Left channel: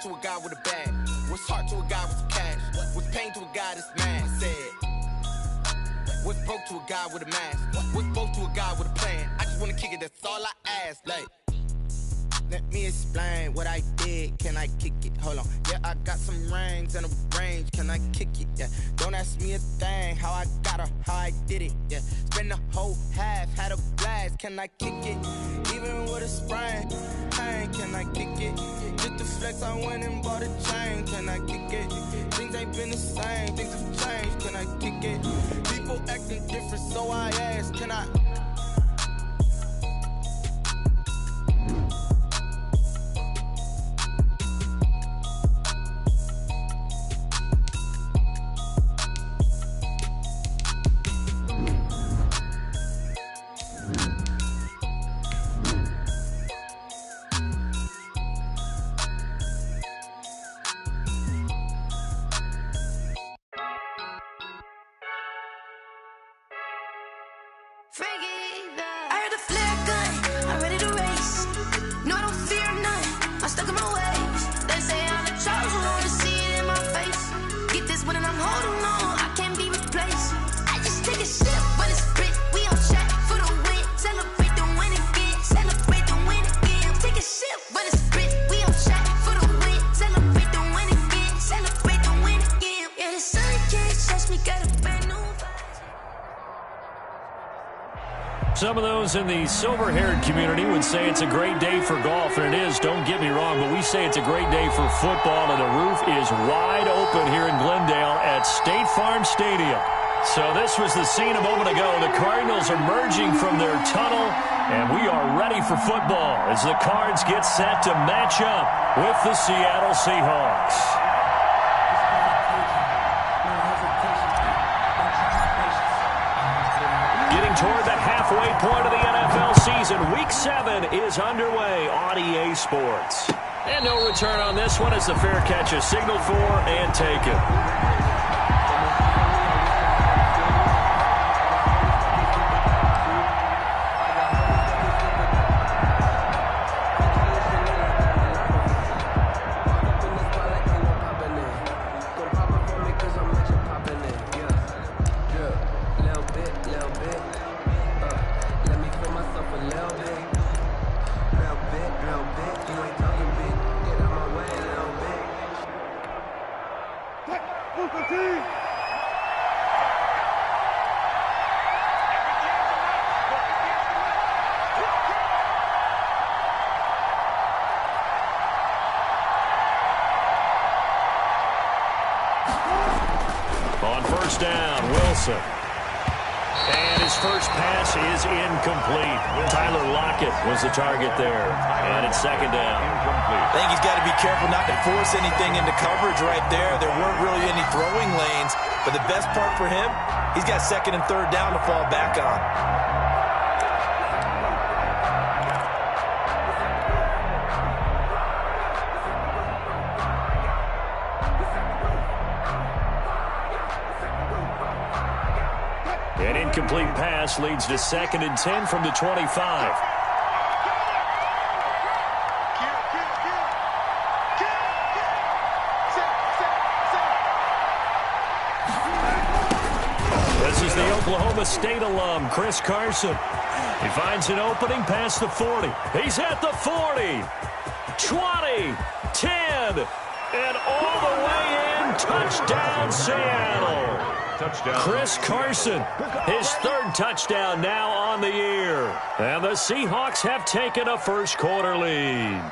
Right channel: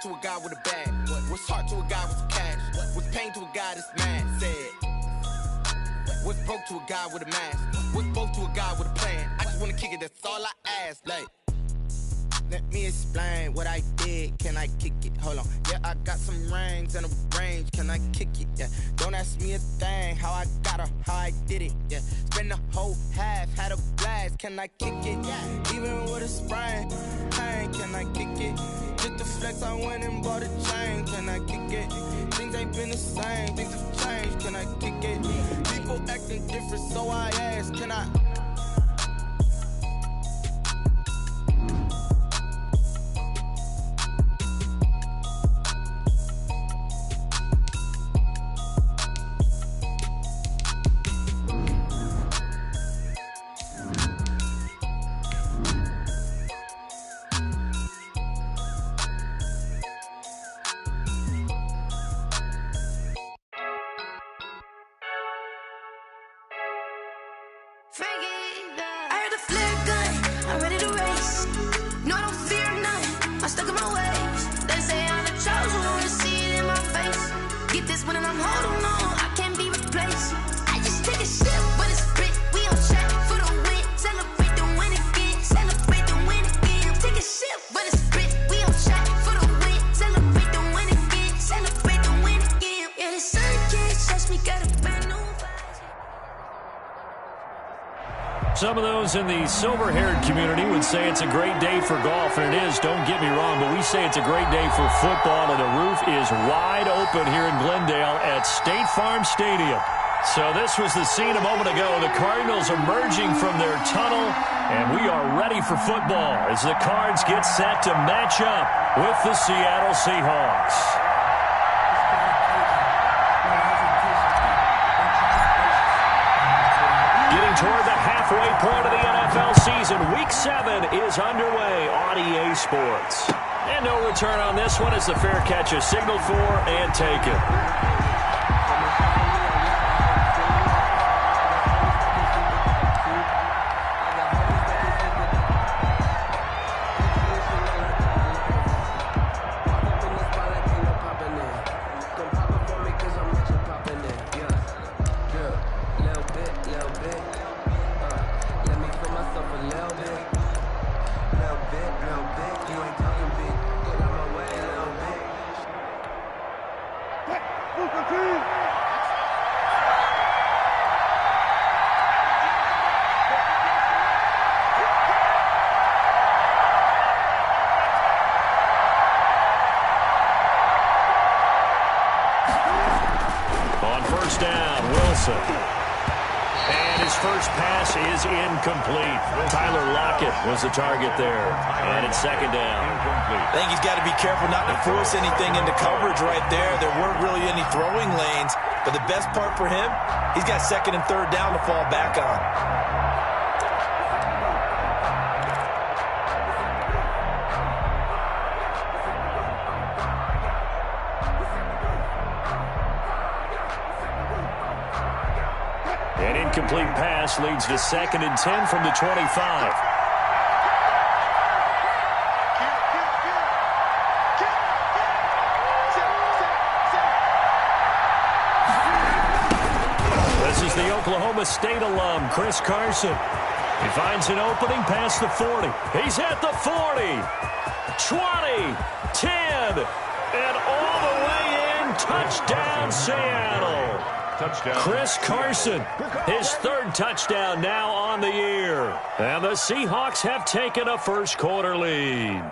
hard to a guy with a bag? What's hard to a guy with some cash? What's pain to a guy that's mad? Said, what's broke to a guy with a mask? What's broke to a guy with a plan? I just wanna kick it, that's all I ask. Like, let me explain what I did. Can I kick it? Hold on. Yeah, I got some rings and a range. Can I kick it? Yeah. Don't ask me a thing. How I got her, how I did it. Yeah. Spend the whole half, had a blast. Can I kick it? Even with a sprain. Pain, can I kick it? Just to flex, I went and bought a chain. Can I kick it? Things ain't been the same. Things have changed. Can I kick it? People acting different, so I ask. Can I? I heard a flare gun, I'm ready to race. No, I don't fear none, I'm stuck in my ways. They say I'm the chosen one, see it in my face. Get this one and I'm holding on, I can't be replaced. I just take a sip when it's split, we on track for the win. Celebrate the win again, celebrate the win again. Take a sip when it's split, we on track for the win. Celebrate the win again, celebrate the win again. Yeah, the sun can't touch me, got a brand new vibe. Some of those in the silver-haired community would say it's a great day for golf, and it is, don't get me wrong, but we say it's a great day for football, and the roof is wide open here in Glendale at State Farm Stadium. So this was the scene a moment ago. The Cardinals emerging from their tunnel, and we are ready for football as the Cards get set to match up with the Seattle Seahawks. Getting toward the halfway point of the NFL season, Week 7 is underway on EA Sports. And no return on this one as the fair catch is signaled for and taken. On first down, Wilson. And his first pass is incomplete. Tyler Lockett was the target there. And it's second down. I think he's got to be careful not to force anything into coverage right there. There weren't really any throwing lanes. But the best part for him, he's got second and third down to fall back on. An incomplete pass leads to second and 10 from the 25. This is the Oklahoma State alum, Chris Carson. He finds an opening past the 40. He's at the 40, 20, 10, and all the way in. Touchdown, Seattle. Touchdown. Chris Carson, his third touchdown now on the year. And the Seahawks have taken a first-quarter lead.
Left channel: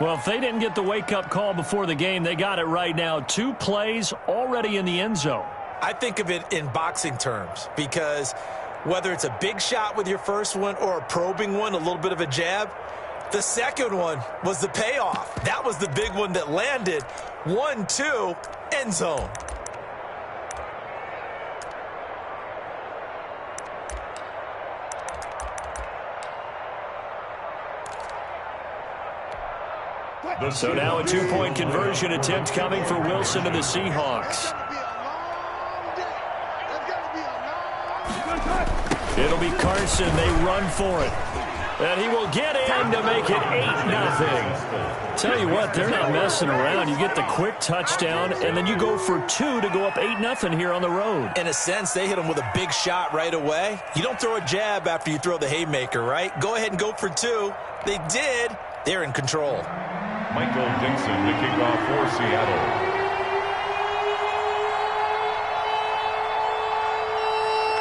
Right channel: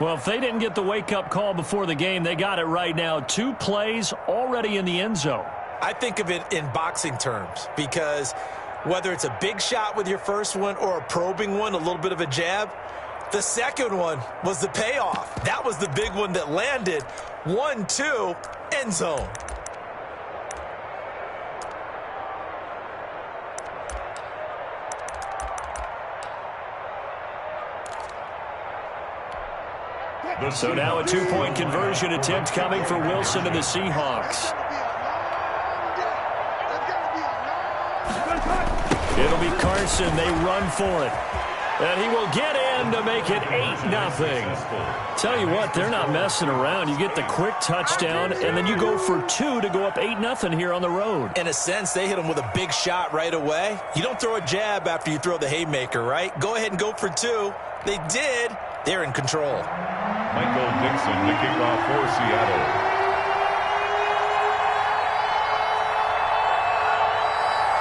Well, if they didn't get the wake-up call before the game, they got it right now. 2 plays already in the end zone. I think of it in boxing terms because whether it's a big shot with your first one or a probing one, a little bit of a jab, the second one was the payoff. That was the big one that landed. 1-2, end zone. So now a 2-point conversion attempt coming for Wilson and the Seahawks. It'll be Carson. They run for it. And he will get in to make it 8-0. Tell you what, they're not messing around. You get the quick touchdown, and then you go for 2 to go up 8-0 here on the road. In a sense, they hit him with a big shot right away. You don't throw a jab after you throw the haymaker, right? Go ahead and go for 2. They did. They're in control. Michael Dixon to kick off for Seattle.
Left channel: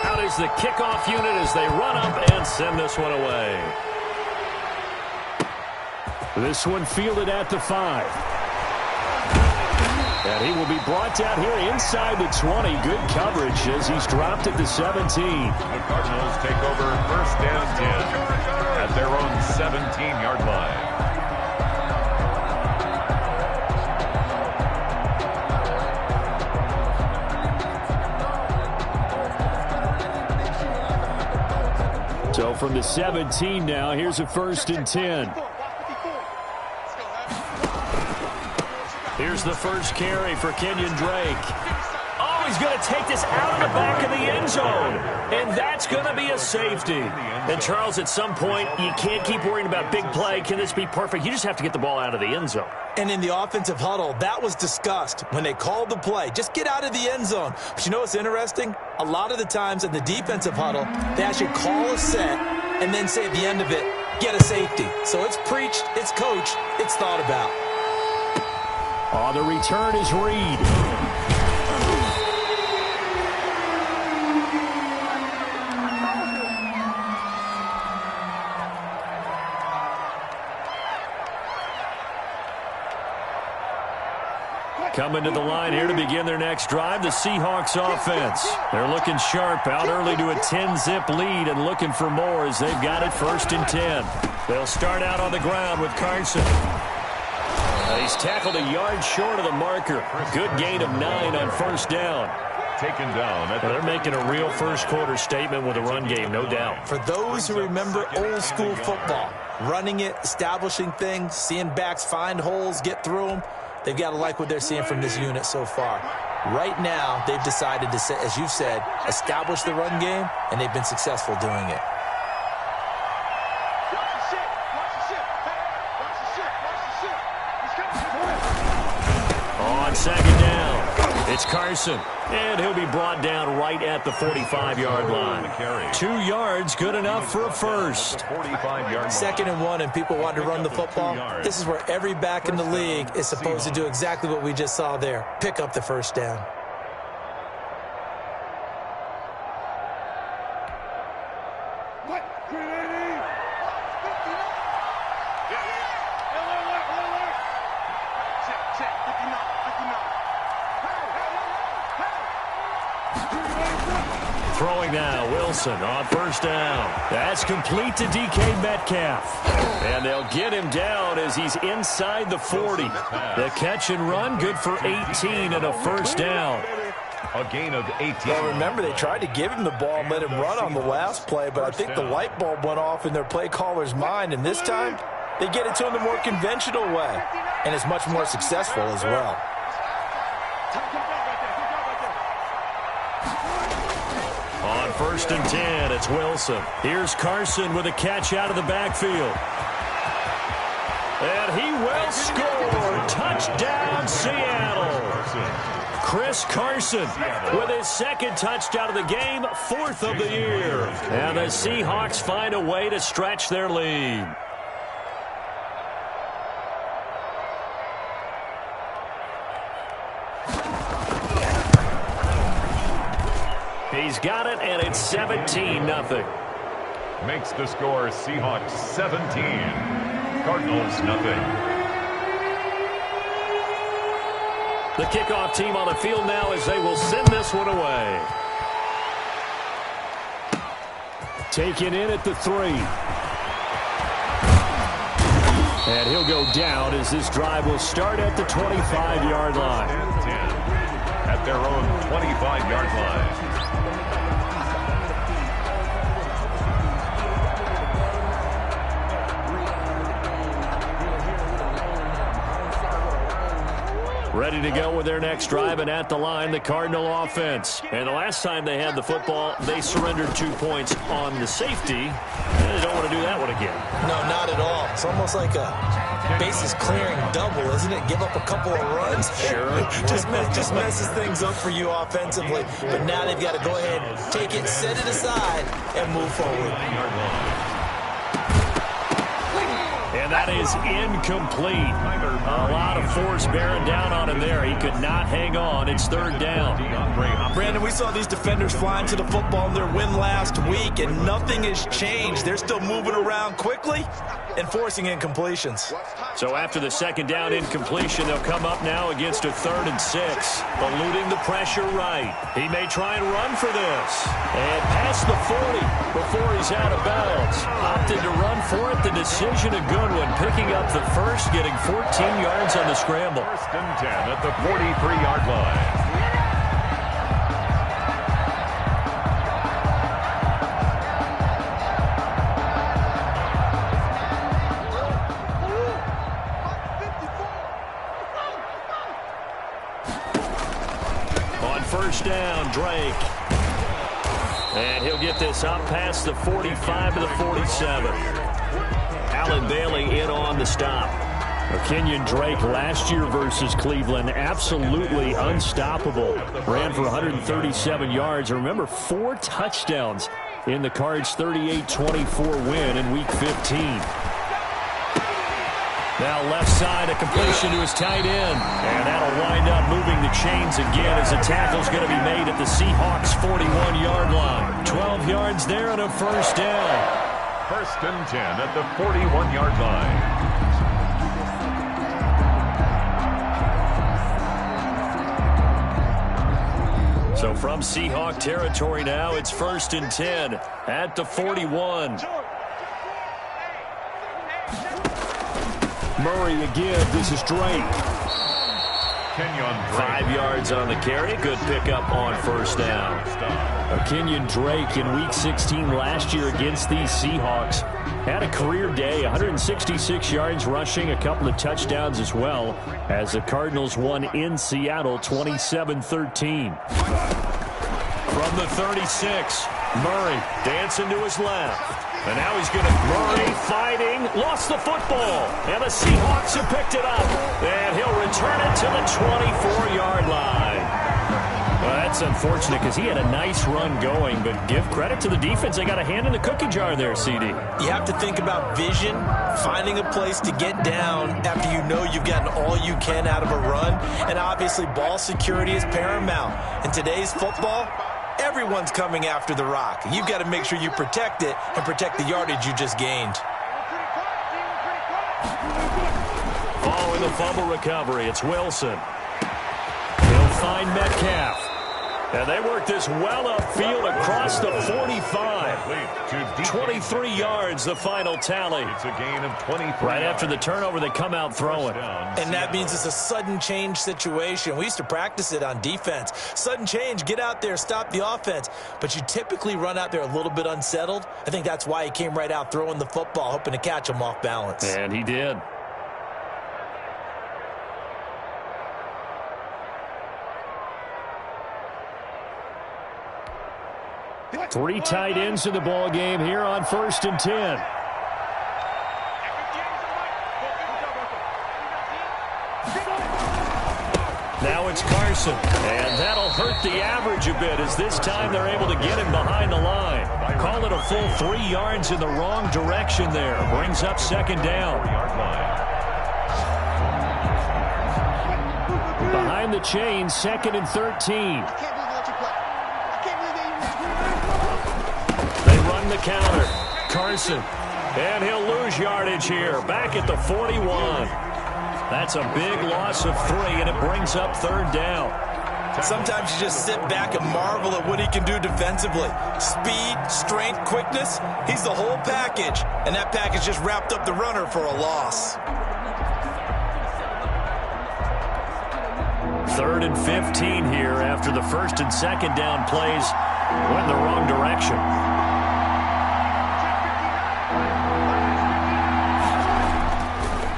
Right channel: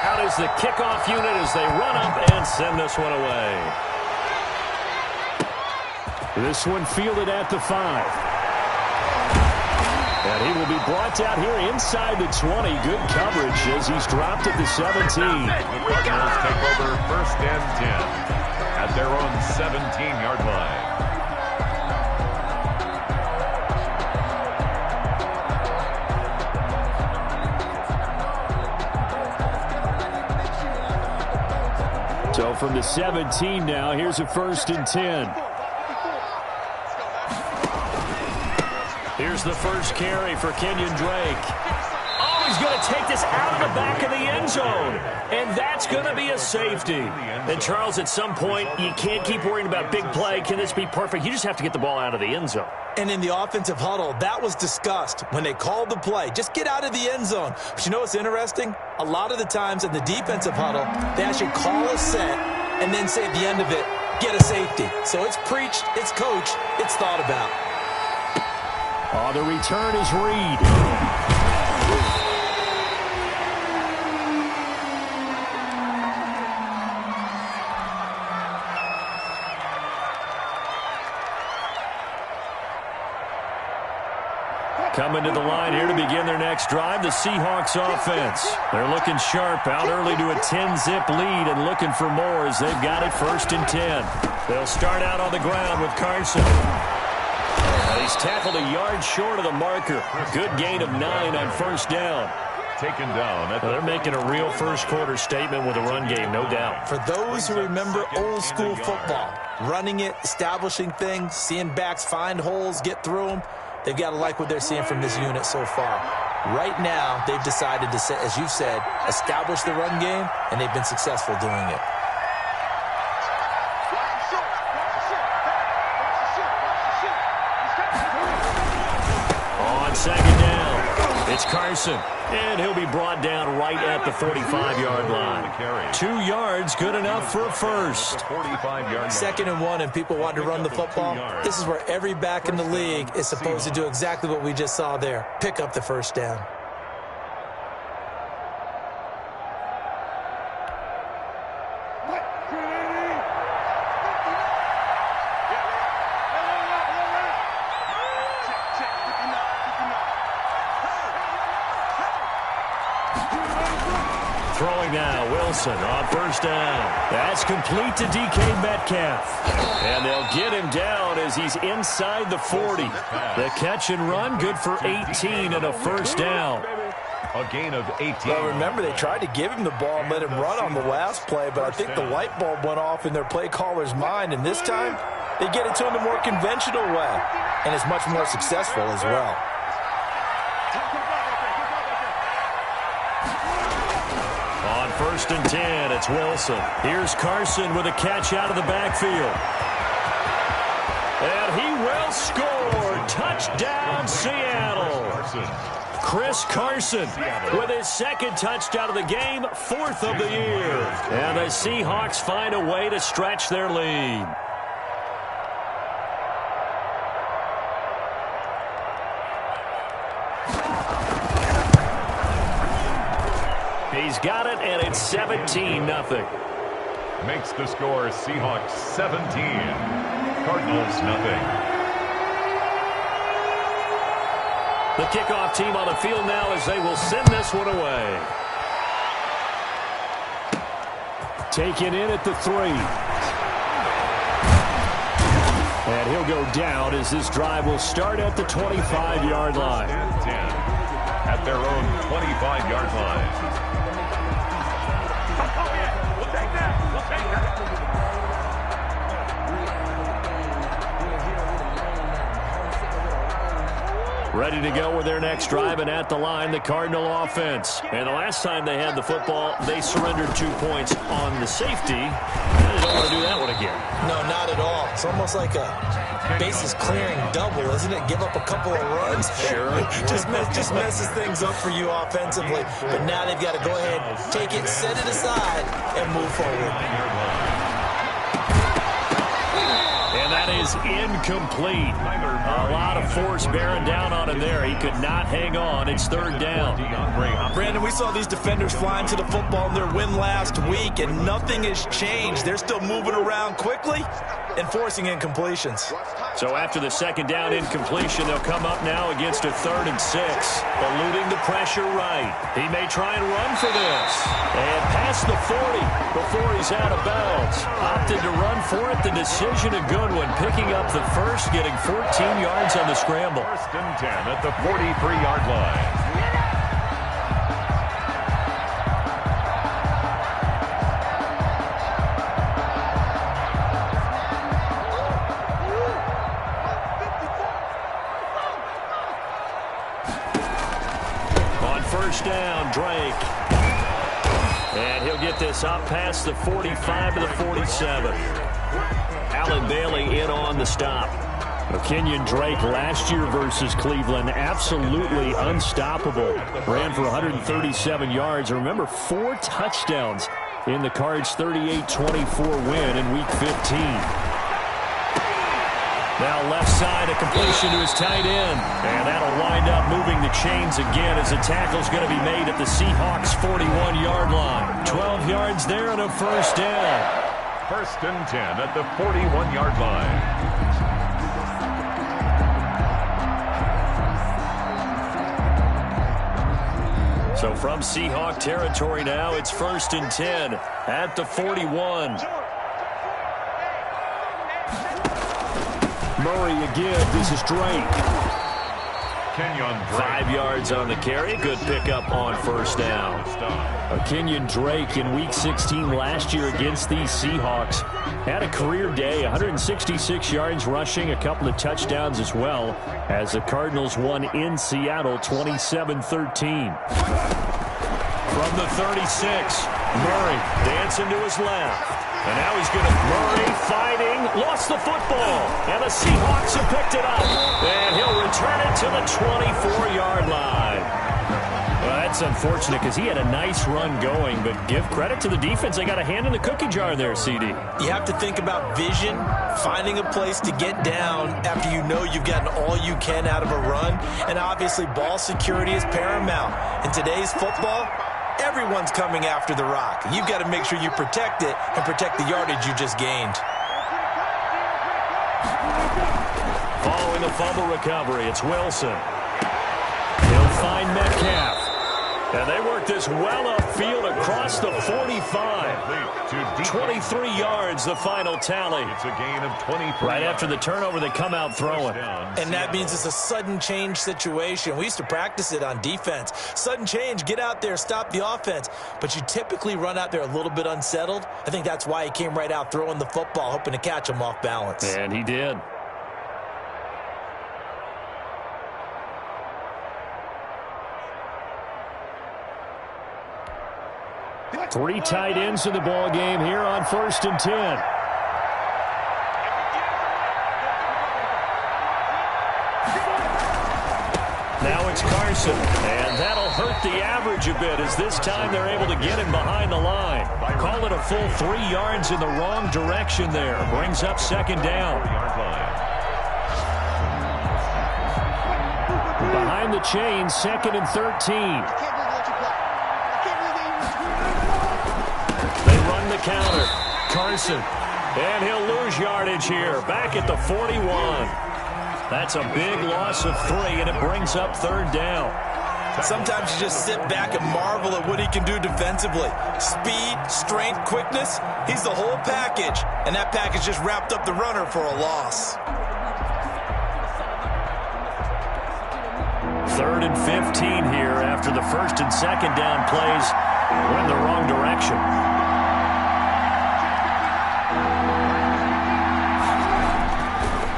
Out is the kickoff unit as they run up and send this one away. This one fielded at the 5. And he will be brought down here inside the 20. Good coverage as he's dropped at the 17. The Cardinals take over 1st and 10 at their own 17-yard line. So from the 17 now, here's a 1st and 10. Here's the first carry for Kenyon Drake. Oh, he's going to take this out of the back of the end zone. And that's going to be a safety. And, Charles, at some point, you can't keep worrying about big play. Can this be perfect? You just have to get the ball out of the end zone. And in the offensive huddle, that was discussed when they called the play. Just get out of the end zone. But you know what's interesting? A lot of the times in the defensive huddle, they actually call a set and then say at the end of it, get a safety. So it's preached, it's coached, it's thought about. Oh, the return is Reed. Coming to the line here to begin their next drive, the Seahawks offense. They're looking sharp, out early to a 10-zip lead and looking for more as they've got it 1st and 10. They'll start out on the ground with Carson. He's tackled a yard short of the marker. Good gain of 9 on 1st down. Taken down. They're making a real first-quarter statement with a run game, no doubt. For those who remember old-school football, running it, establishing things, seeing backs find holes, get through them, they've got to like what they're seeing from this unit so far. Right now, they've decided to, as you've said, establish the run game, and they've been successful doing it. On 2nd down, it's Carson, and he'll be brought down right at the 45-yard line. 2 yards, good enough for a first. 2nd and 1, and people want to run the football. This is where every back in the league is supposed to do exactly what we just saw there. Pick up the 1st down. Throwing now, Wilson on 1st down. That's complete to DK Metcalf. And they'll get him down as he's inside the 40. The catch and run, good for 18 and a 1st down. A gain of 18. Well, remember, they tried to give him the ball and let him run on the last play, but I think the light bulb went off in their play caller's mind, and this time they get it to him the more conventional way, and it's much more successful as well. On 1st and 10, it's Wilson. Here's Carson with a catch out of the backfield. And he will score. Touchdown, Seattle. Chris Carson with his 2nd touchdown of the game, 4th of the year. And the Seahawks find a way to stretch their lead. He's got it, and it's 17-0. Makes the score Seahawks 17, Cardinals nothing. The kickoff team on the field now as they will send this one away. Taken in at the 3. And he'll go down as this drive will start at the 25-yard line. And 10 at their own 25-yard line. Ready to go with their next drive, and at the line, the Cardinal offense. And the last time they had the football, they surrendered 2 points on the safety. And they don't want to do that one again. No, not at all. It's almost like a bases clearing double, isn't it? Give up a couple of runs. Sure. just messes things up for you offensively. But now they've got to go ahead, take it, set it aside, and move forward. And that is incomplete. A lot of force bearing down on him there. He could not hang on. It's third down. Brandon, we saw these defenders flying to the football in their win last week, and nothing has changed. They're still moving around quickly and forcing incompletions. So after the second down incompletion, they'll come up now against a 3rd and 6. Eluding the pressure right. He may try and run for this. And past the 40 before he's out of bounds. Opted to run for it. The decision a good one. Picking up the first, getting 14 yards on the scramble. 1st and 10 at the 43-yard line. First down, Drake. And he'll get this up past the 45 to the 47. Allen Bailey in on the stop. Kenyon Drake last year versus Cleveland, absolutely unstoppable. Ran for 137 yards. Remember, 4 touchdowns in the Cards' 38-24 win in Week 15. Now left side, a completion to his tight end. And that'll wind up moving the chains again as the tackle's going to be made at the Seahawks' 41-yard line. 12 yards there and a first down. 1st and 10 at the 41-yard line. So from Seahawk territory now, it's 1st and 10 at the 41. Murray again. This is Drake. Kenyon Drake. 5 yards on the carry. Good pickup on first down. Kenyon Drake in Week 16 last year against these Seahawks had a career day, 166 yards rushing, a couple of touchdowns as well, as the Cardinals won in Seattle 27-13. From the 36, Murray dancing to his left. And now he's going to Murray fighting, lost the football, and the Seahawks have picked it up. And he'll return it to the 24-yard line. Well, that's unfortunate because he had a nice run going, but give credit to the defense. They got a hand in the cookie jar there, CD. You have to think about vision, finding a place to get down after you know you've gotten all you can out of a run. And obviously ball security is paramount. In today's football, everyone's coming after the rock. You've got to make sure you protect it and protect the yardage you just gained. Following the fumble recovery, it's Wilson. He'll find Metcalf. And they work this well upfield across the 45. 23 yards, the final tally. It's a gain of 23. Right after the turnover, they come out throwing. And that means it's a sudden change situation. We used to practice it on defense. Sudden change, get out there, stop the offense. But you typically run out there a little bit unsettled. I think that's why he came right out throwing the football, hoping to catch him off balance. And he did. Three tight ends in the ball game here on 1st and 10. Now it's Carson, and that'll hurt the average a bit as this time they're able to get him behind the line. Call it a full 3 yards in the wrong direction there. Brings up second down. Behind the chain, 2nd and 13. They run the counter. Carson. And he'll lose yardage here. Back at the 41. That's a big loss of 3, and it brings up 3rd down. Sometimes you just sit back and marvel at what he can do defensively. Speed, strength, quickness. He's the whole package. And that package just wrapped up the runner for a loss. 3rd and 15 here after the 1st and 2nd down plays went the wrong direction.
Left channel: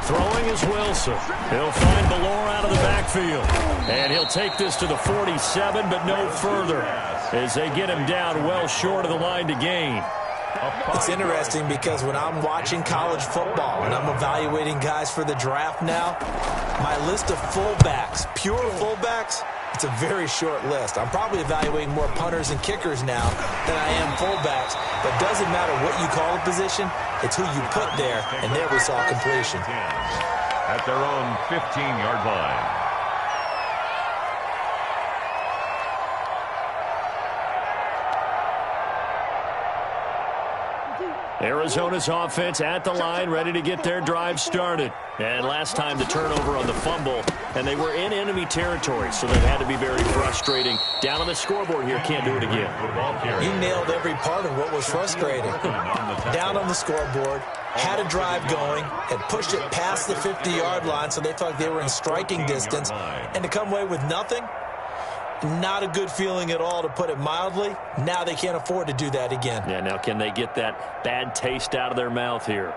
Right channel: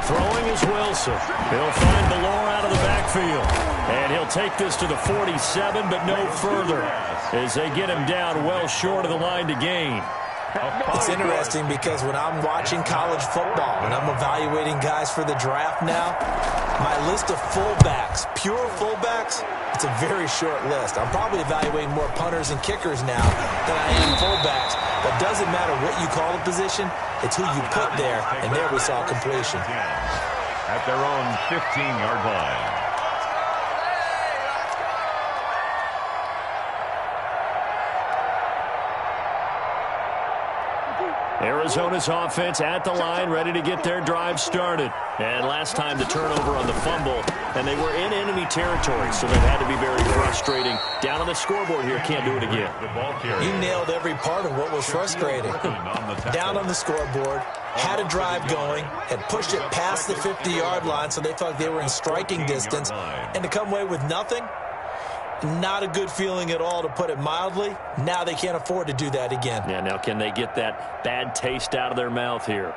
Throwing goes Wilson. He'll find Ballore out of the backfield. And he'll take this to the 47, but no further, as they get him down well short of the line to gain. It's interesting because when I'm watching college football and I'm evaluating guys for the draft now, my list of fullbacks, pure fullbacks, it's a very short list. I'm probably evaluating more punters and kickers now than I am fullbacks. But it doesn't matter what you call a position, it's who you put there, and there we saw completion. At their own 15-yard line. Arizona's offense at the line, ready to get their drive started. And last time the turnover on the fumble, and they were in enemy territory, so that had to be very frustrating. Down on the scoreboard here, can't do it again. You nailed every part of what was frustrating. Down on the scoreboard, had a drive going, had pushed it past the 50-yard line, so they felt like they were in striking distance, and to come away with nothing, not a good feeling at all, to put it mildly. Now they can't afford to do that again. Yeah, now can they get that bad taste out of their mouth here?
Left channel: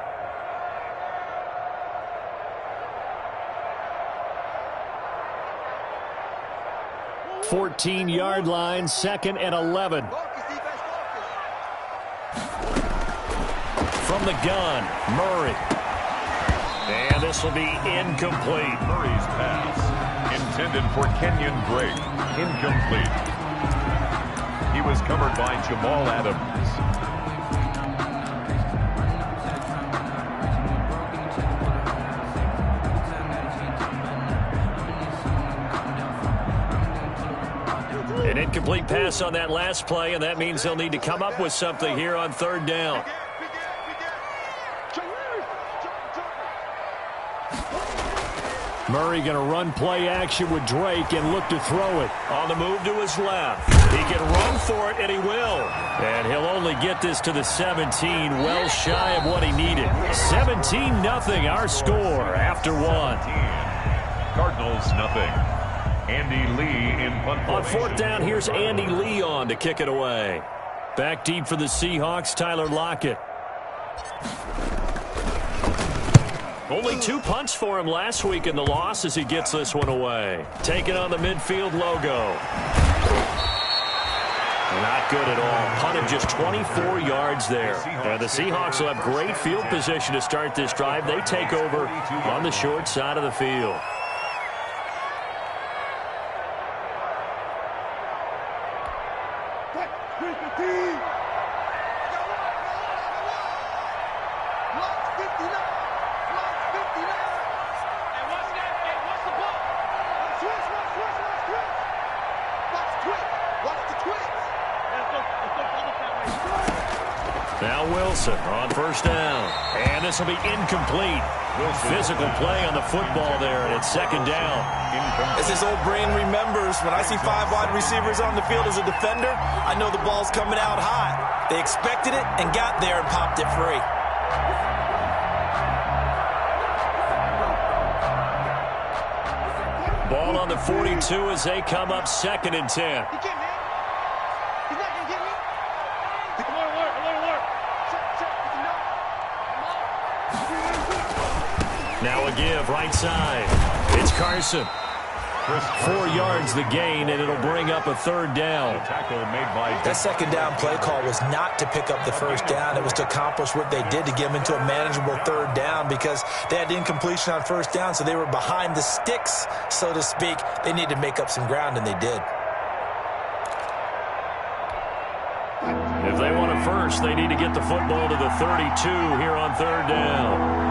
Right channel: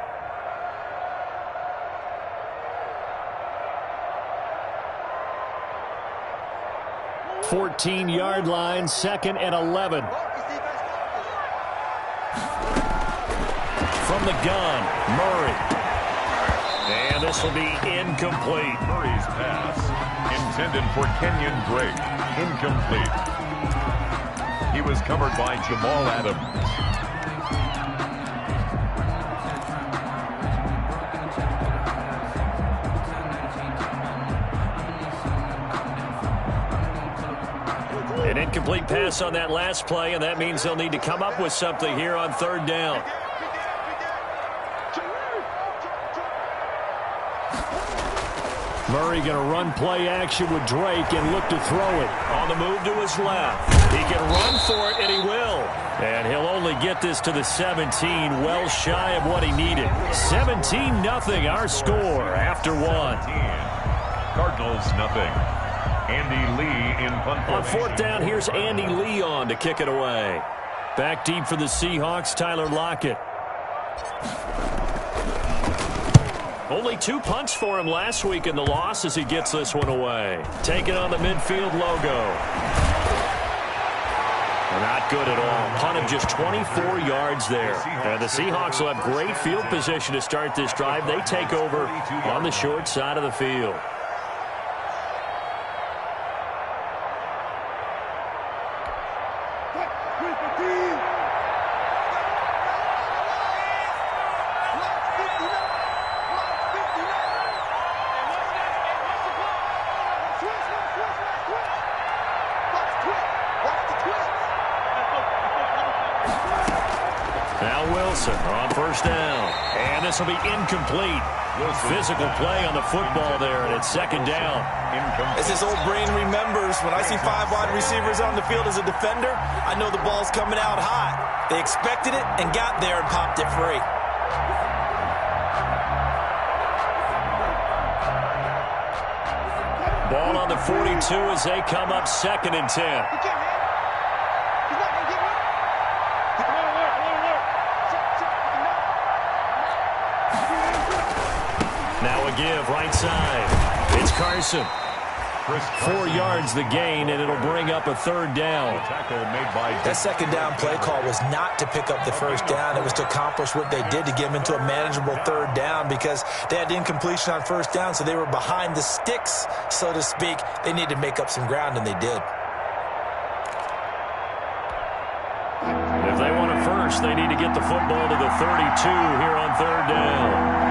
$14-yard line, 2nd and 11. From the gun, Murray. And this will be incomplete. Murray's pass intended for Kenyon Drake. Incomplete. He was covered by Jamal Adams. An incomplete pass on that last play, and that means they'll need to come up with something here on 3rd down. Murray going to run play action with Drake and look to throw it. On the move to his left. He can run for it, and he will. And he'll only get this to the 17, well shy of what he needed. 17-0 our score after 1. Cardinals nothing. Andy Lee in punt formation. On 4th down, here's Andy Lee on to kick it away. Back deep for the Seahawks, Tyler Lockett. Only 2 punts for him last week in the loss as he gets this one away. Taking on the midfield logo. Not good at all. Punt of just 24 yards there. The Seahawks will have great field position to start this drive. They take over on the short side of the field. Now Wilson on 1st down. And this will be incomplete. Physical play on the football there, and it's 2nd down. As his old brain remembers, when I see 5 wide receivers on the field as a defender, I know the ball's coming out high. They expected it and got there and popped it free. Ball on the 42 as they come up 2nd and 10. Now a give, right side. It's Carson. 4 yards the gain, and it'll bring up a 3rd down. That 2nd down play call was not to pick up the 1st down. It was to accomplish what they did, to get them into a manageable 3rd down, because they had incompletion on 1st down, so they were behind the sticks, so to speak. They needed to make up some ground, and they did. If they want a first, they need to get the football to the 32 here on 3rd down.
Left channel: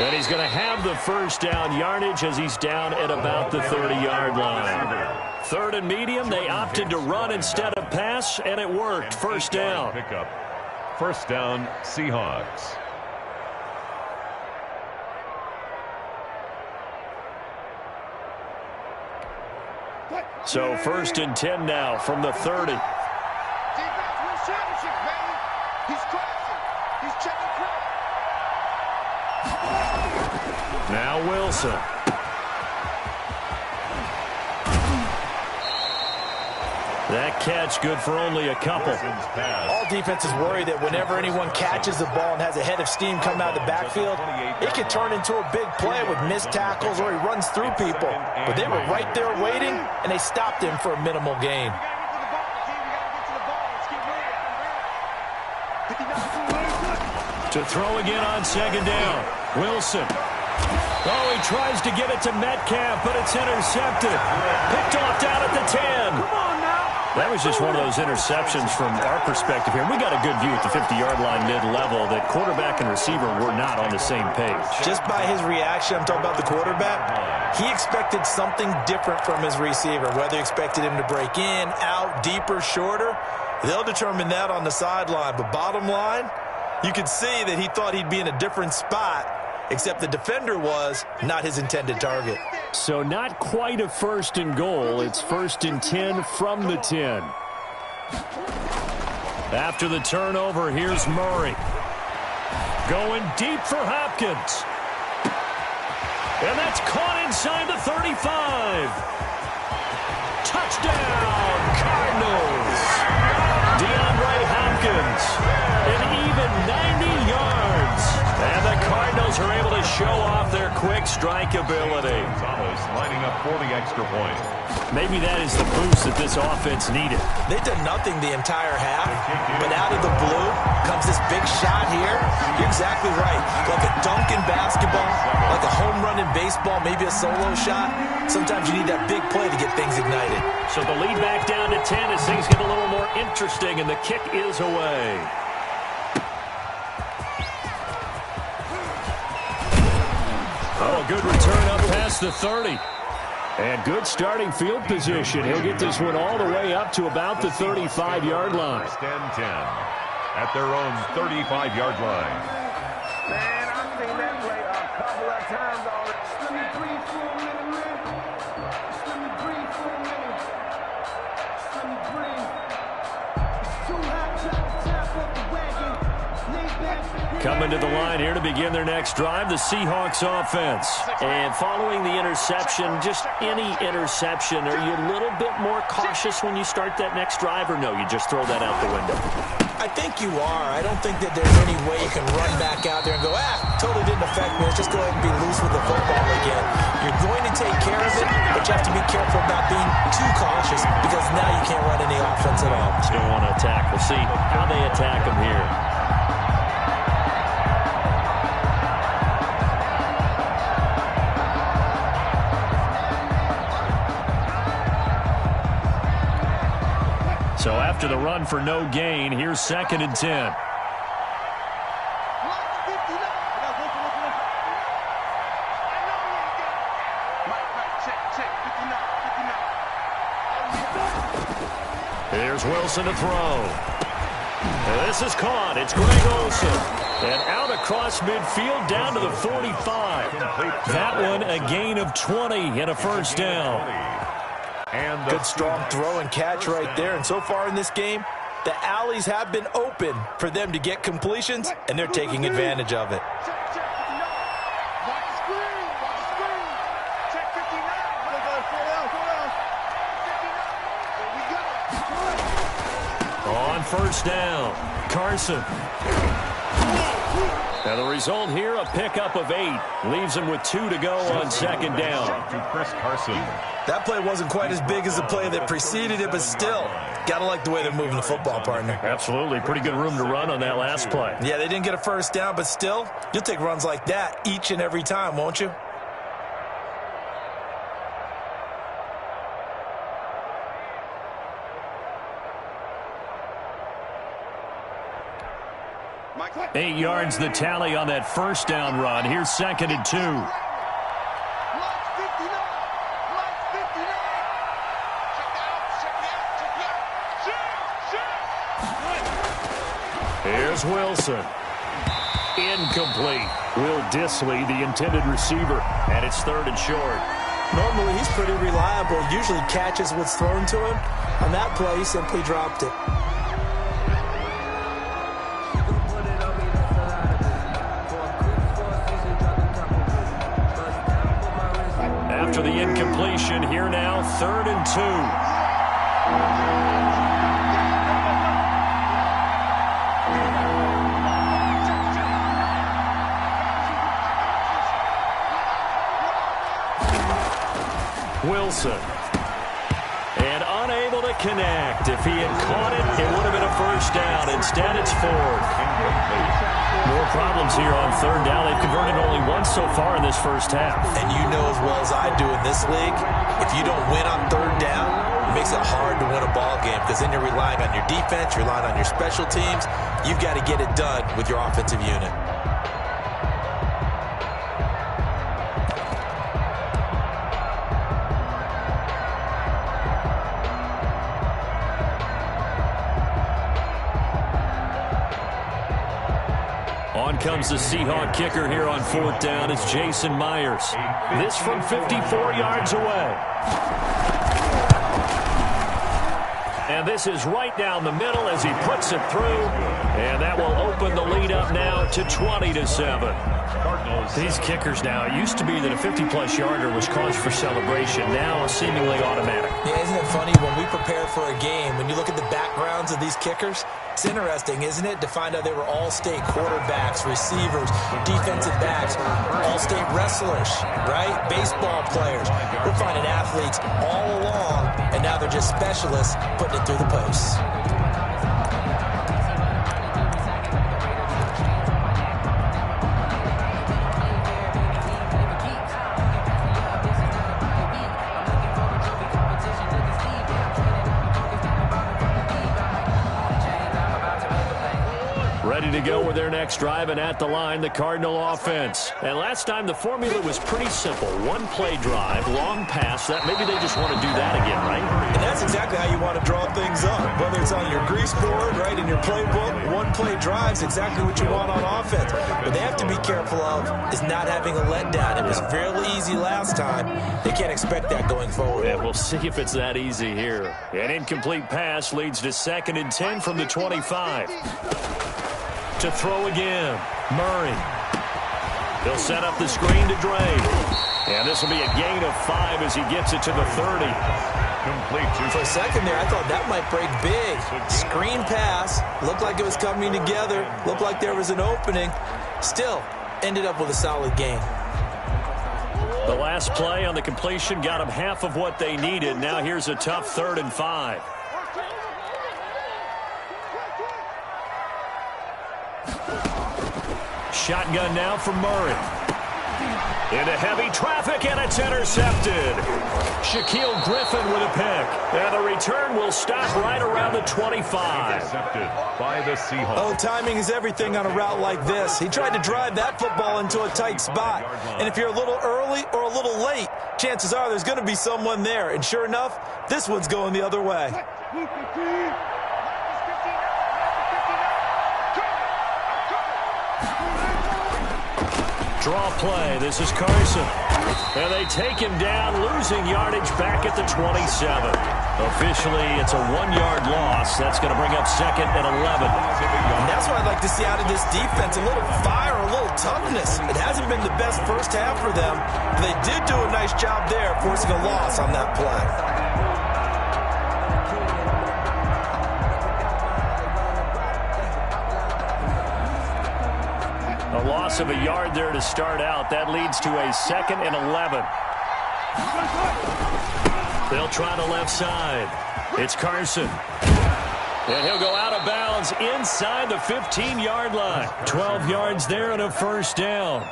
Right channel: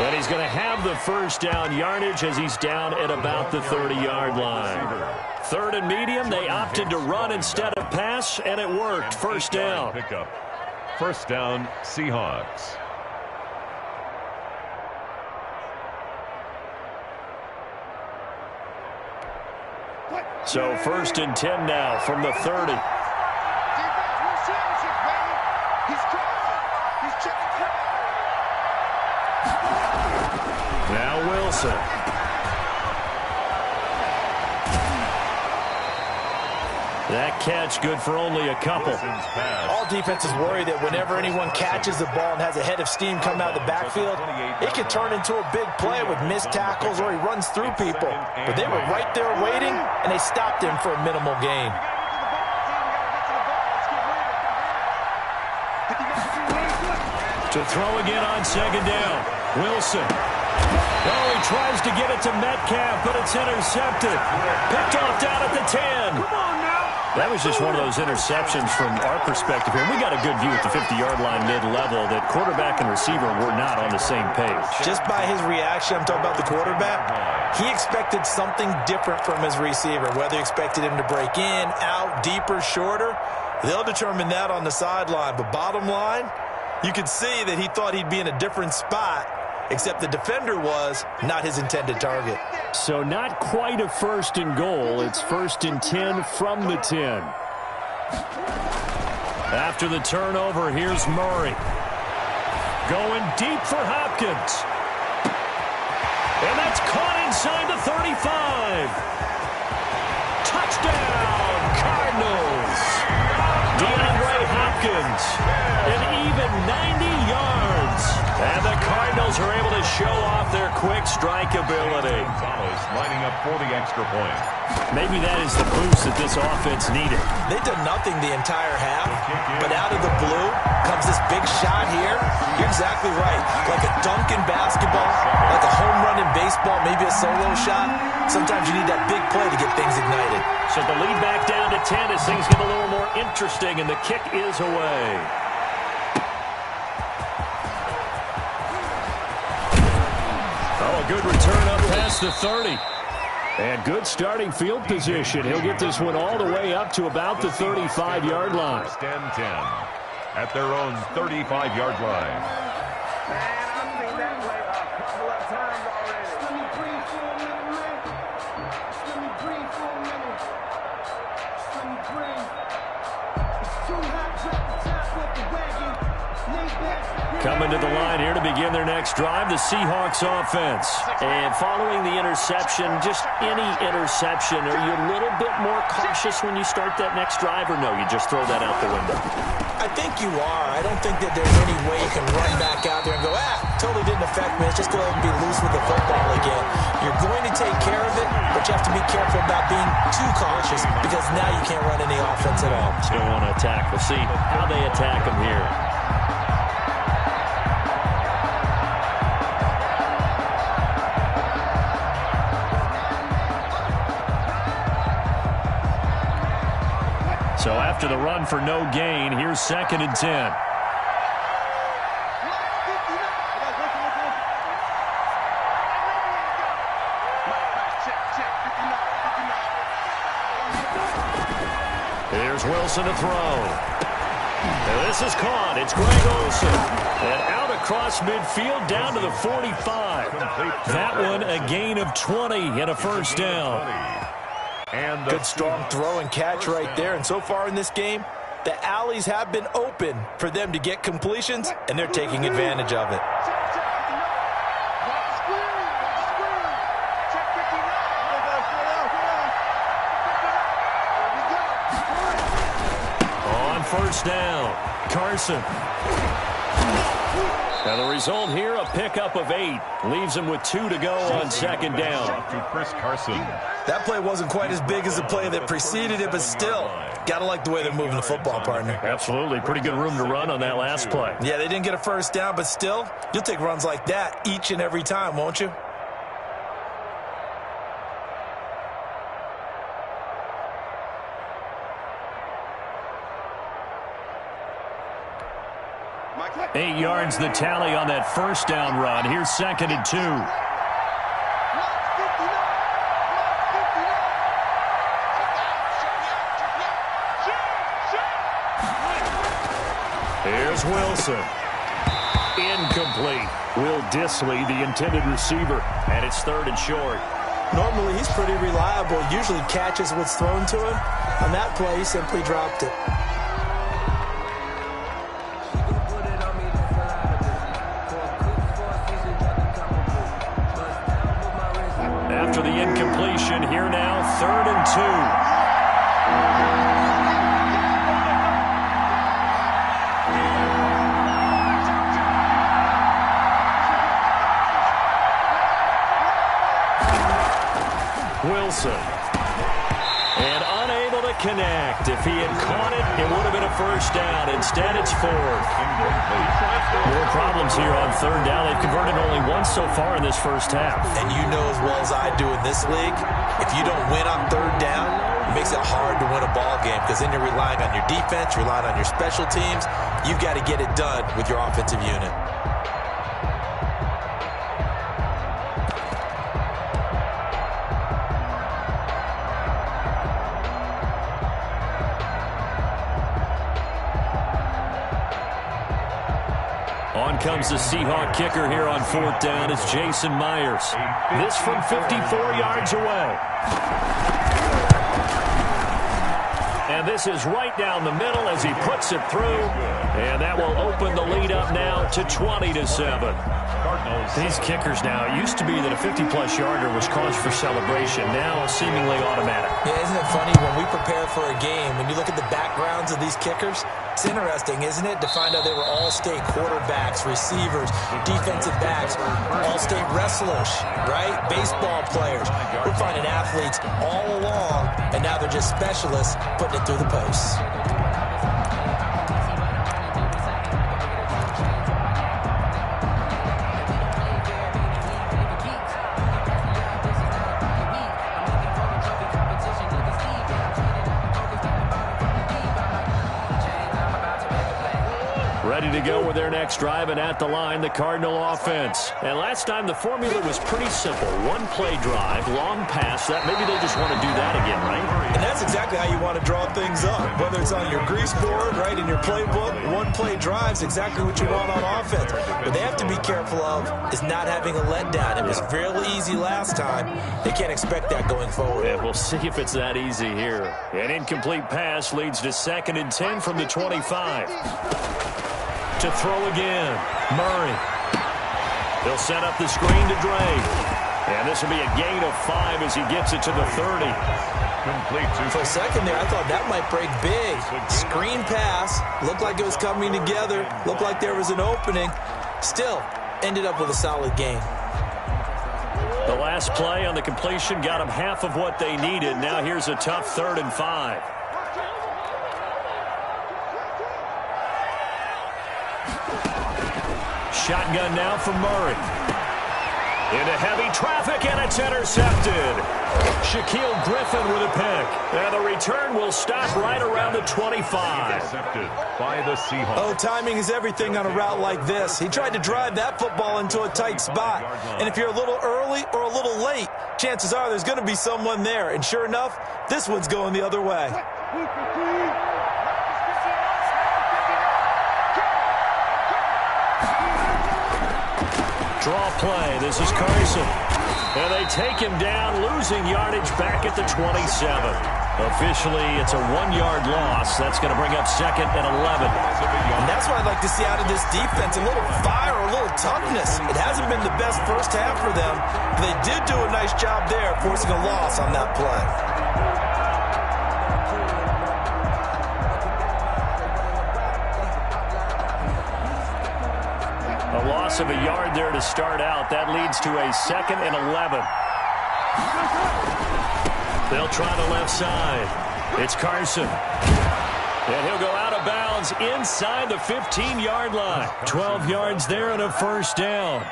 And he's going to have the 1st down yardage as he's down at about the 30-yard line. 3rd and medium, they opted to run instead of pass, and it worked. 1st down. Pickup. 1st down, Seahawks. So 1st and 10 now from the 30. Defense wins championships, baby. He's crossing. He's checking crowd. Now Wilson. That catch good for only a couple. All defenses worry that whenever anyone catches the ball and has a head of steam come out of the backfield, it can turn into a big play with missed tackles or he runs through people. But they were right there waiting, and they stopped him for a minimal gain. To throw again on second down. Wilson. Oh, he tries to get it to Metcalf, but it's intercepted. Picked off down at the 10. Come on now. That was just one of those interceptions from our perspective here. We got a good view at the 50-yard line mid-level that quarterback and receiver were not on the same page. Just by his reaction, I'm talking about the quarterback, he expected something different from his receiver, whether he expected him to break in, out, deeper, shorter. They'll determine that on the sideline. But bottom line, you could see that he thought he'd be in a different spot, except the defender was not his intended target. So not quite a 1st and goal. It's 1st and 10 from the 10. After the turnover, here's Murray. Going deep for Hopkins. And that's caught inside the 35. Touchdown, Cardinals. DeAndre Hopkins, an even 90 yards. And the Cardinals are able to show off their quick strike ability. Gonzalez lining up for the extra point. Maybe that is the boost that this offense needed. They've done nothing the entire half, but out of the blue comes this big shot here. You're exactly right. Like a dunk in basketball, like a home run in baseball, maybe a solo shot. Sometimes you need that big play to get things ignited. So the lead back down to 10 as things get a little more interesting, and the kick is away. Oh, a good return up past the 30. And good starting field position. He'll get this one all the way up to about the 35-yard line. 1st and 10 at their own 35-yard line. Man, I've seen that play a couple of times already. Just let me breathe for a minute, man. Just let me breathe for a minute. Just let me breathe. It's too hot, drop the top off the wagon. Lay back. Coming to the line here to begin their next drive, the Seahawks offense. And following the interception, just any interception, are you a little bit more cautious when you start that next drive, or no, you just throw that out the window? I think you are. I don't think that there's any way you can run back out there and go, totally didn't affect me. Let's just go ahead and be loose with the football again. You're going to take care of it, but you have to be careful about being too cautious because now you can't run any offense at all. Still want to attack. We'll see how they attack them here. So after the run for no gain, here's 2nd and 10. Here's Wilson to throw. And this is caught. It's Greg Olsen. And out across midfield down to the 45. That one a gain of 20 and a 1st down. And good strong throw and catch right there. And so far in this game, the alleys have been open for them to get completions, and they're taking advantage of it. On 1st down, Carson. Now the result here, a pickup of 8. Leaves him with 2 to go on 2nd down. To Chris Carson. That play wasn't quite as big as the play that preceded it, but still, gotta like the way they're moving the football, partner. Absolutely. Pretty good room to run on that last play. Yeah, they didn't get a 1st down, but still, you'll take runs like that each and every time, won't you? Eight yards the tally on that 1st down run. Here's 2nd and 2. Here's Wilson. Incomplete. Will Dissly, the intended receiver, and it's 3rd and short. Normally, he's pretty reliable. Usually catches what's thrown to him. On that play, he simply dropped it. after the incompletion. Here now, 3rd and 2. Wilson. And unable to connect. If he had caught it, it would have been a first down. Instead, it's 4th. More problems here on 3rd down. They've converted only once so far in this first half. And you know as well as I do in this league, if you don't win on 3rd down, it makes it hard to win a ball game because then you're relying on your defense, you're relying on your special teams. You've got to get it done with your offensive unit. On comes the Seahawk kicker here on 4th down. It's Jason Myers. This from 54 yards away. And this is right down the middle as he puts it through. And that will open the lead up now to 20-7. These kickers now, it used to be that a 50-plus yarder was cause for celebration. Now seemingly automatic. Yeah, isn't it funny when we prepare for a game, when you look at the backgrounds of these kickers, it's interesting, isn't it, to find out they were all-state quarterbacks, receivers, defensive backs, all-state wrestlers, right? Baseball players. We're finding athletes all along, and now they're just specialists putting it through the posts. Ready to go with their next drive, and at the line, the Cardinal offense. And last time, the formula was pretty simple. One-play drive, long pass. That maybe they just want to do that again, right? And that's exactly how you want to draw things up. Whether it's on your grease board, right, in your playbook, one-play drive's exactly what you want on offense. What they have to be careful of is not having a letdown. It was fairly easy last time. They can't expect that going forward. Yeah, we'll see if it's that easy here. An incomplete pass leads to 2nd and 10 from the 25. To throw again, Murray. They'll set up the screen to Dre. And this will be a gain of 5 as he gets it to the 30. For a second there, I thought that might break big. Screen pass. Looked like it was coming together. Looked like there was an opening. Still, ended up with a solid gain. The last play on the completion got them half of what they needed. Now here's a tough 3rd and 5. Shotgun now for Murray. Into heavy traffic, and it's intercepted. Shaquille Griffin with a pick. And the return will stop right around the 25. Intercepted by the Seahawks. Oh, timing is everything on a route like this. He tried to drive that football into a tight spot. And if you're a little early or a little late, chances are there's going to be someone there. And sure enough, this one's going the other way. Draw play. This is Carson. And they take him down, losing yardage back at the 27. Officially, it's a 1-yard loss. That's going to bring up 2nd and 11. And that's what I'd like to see out of this defense, a little fire, a little toughness. It hasn't been the best first half for them, but they did do a nice job there, forcing a loss on that play. A loss of a yard there to start out. That leads to a 2nd and 11. They'll try the left side. It's Carson. And he'll go out of bounds inside the 15-yard line. 12 yards there and a first down.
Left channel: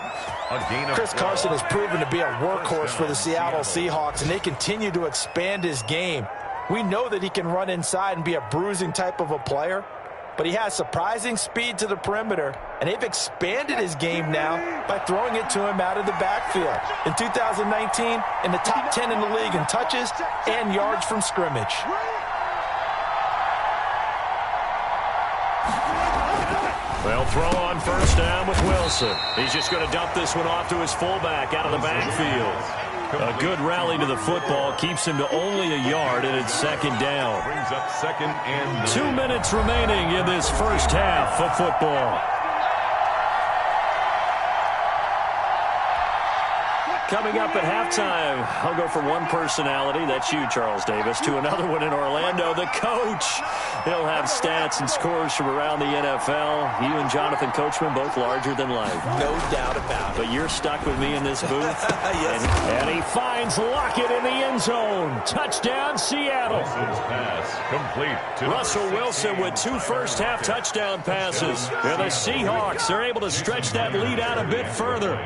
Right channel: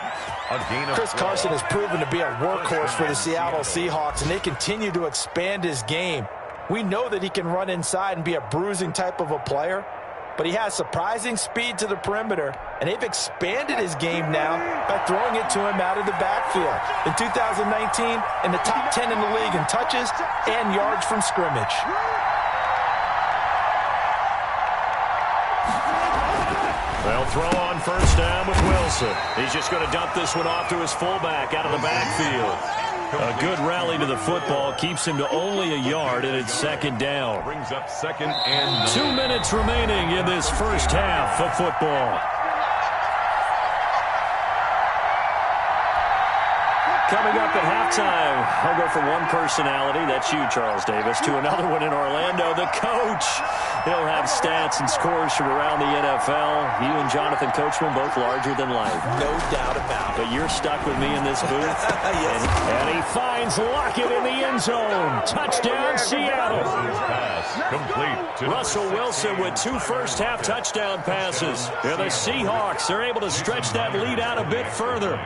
Chris Carson has proven to be a workhorse for the Seattle Seahawks, and they continue to expand his game. We know that he can run inside and be a bruising type of a player, but he has surprising speed to the perimeter, and they've expanded his game now by throwing it to him out of the backfield. In 2019, in the top 10 in the league in touches and yards from scrimmage. They'll throw on first down with Wilson. He's just going to dump this one off to his fullback out of the backfield. A good rally to the football keeps him to only a yard, and it's 2nd down. Brings up 2nd and 9. 2 minutes remaining in this first half of football. Coming up at halftime, I'll go from one personality, that's you, Charles Davis, to another one in Orlando, the coach. He'll have stats and scores from around the NFL. You and Jonathan Coachman, both larger than life. No doubt about it. But you're stuck with me in this booth. Yes. And he finds Lockett in the end zone. Touchdown, Seattle. Wilson's pass complete to Russell Wilson with 2 first-half touchdown passes. And the Seahawks are able to stretch that lead out a bit further.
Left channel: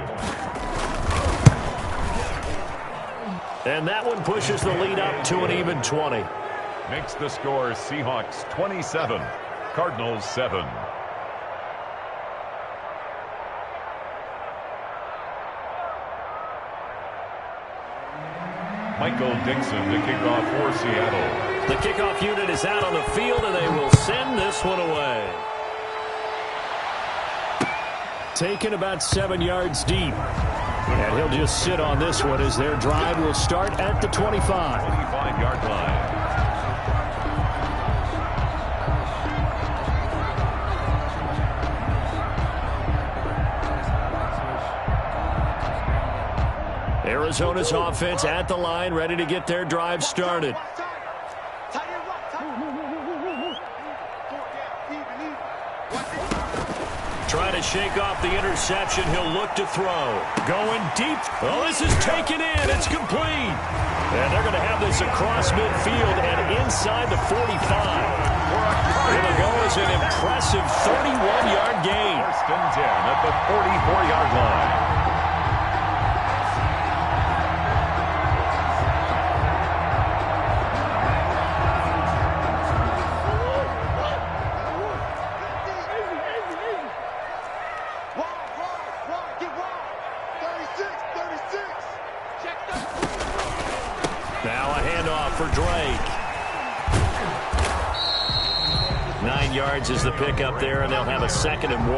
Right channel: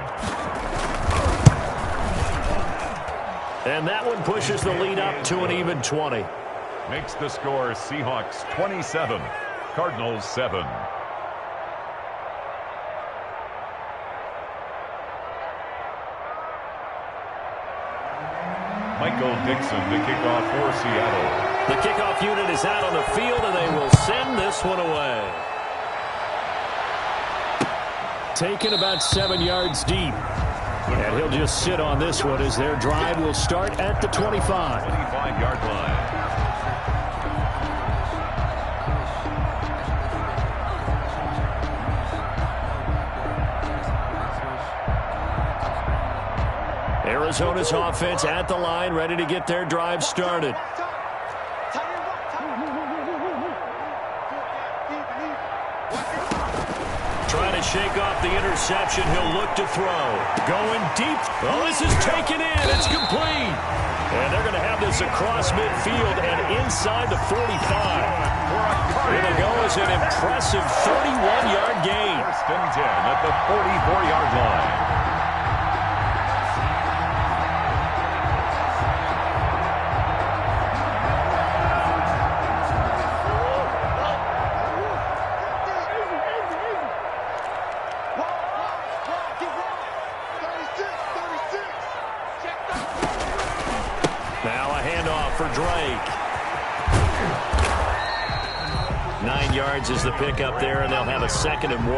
And that one pushes the lead up to an even 20. Makes the score Seahawks 27, Cardinals 7. Michael Dixon to kick off for Seattle. The kickoff unit is out on the field, and they will send this one away. Taken about 7 yards deep. And he'll just sit on this one as their drive will start at the 25. 25-yard line. Arizona's offense at the line, ready to get their drive started. Trying to shake off the interception. He'll look to throw. Going deep. Oh, this is taken in. It's complete. And they're going to have this across midfield and inside the 45. Here they go is an impressive 31-yard gain. First and 10 at the 44-yard line. For Drake. 9 yards is the pickup there, and they'll have a 2nd and 1.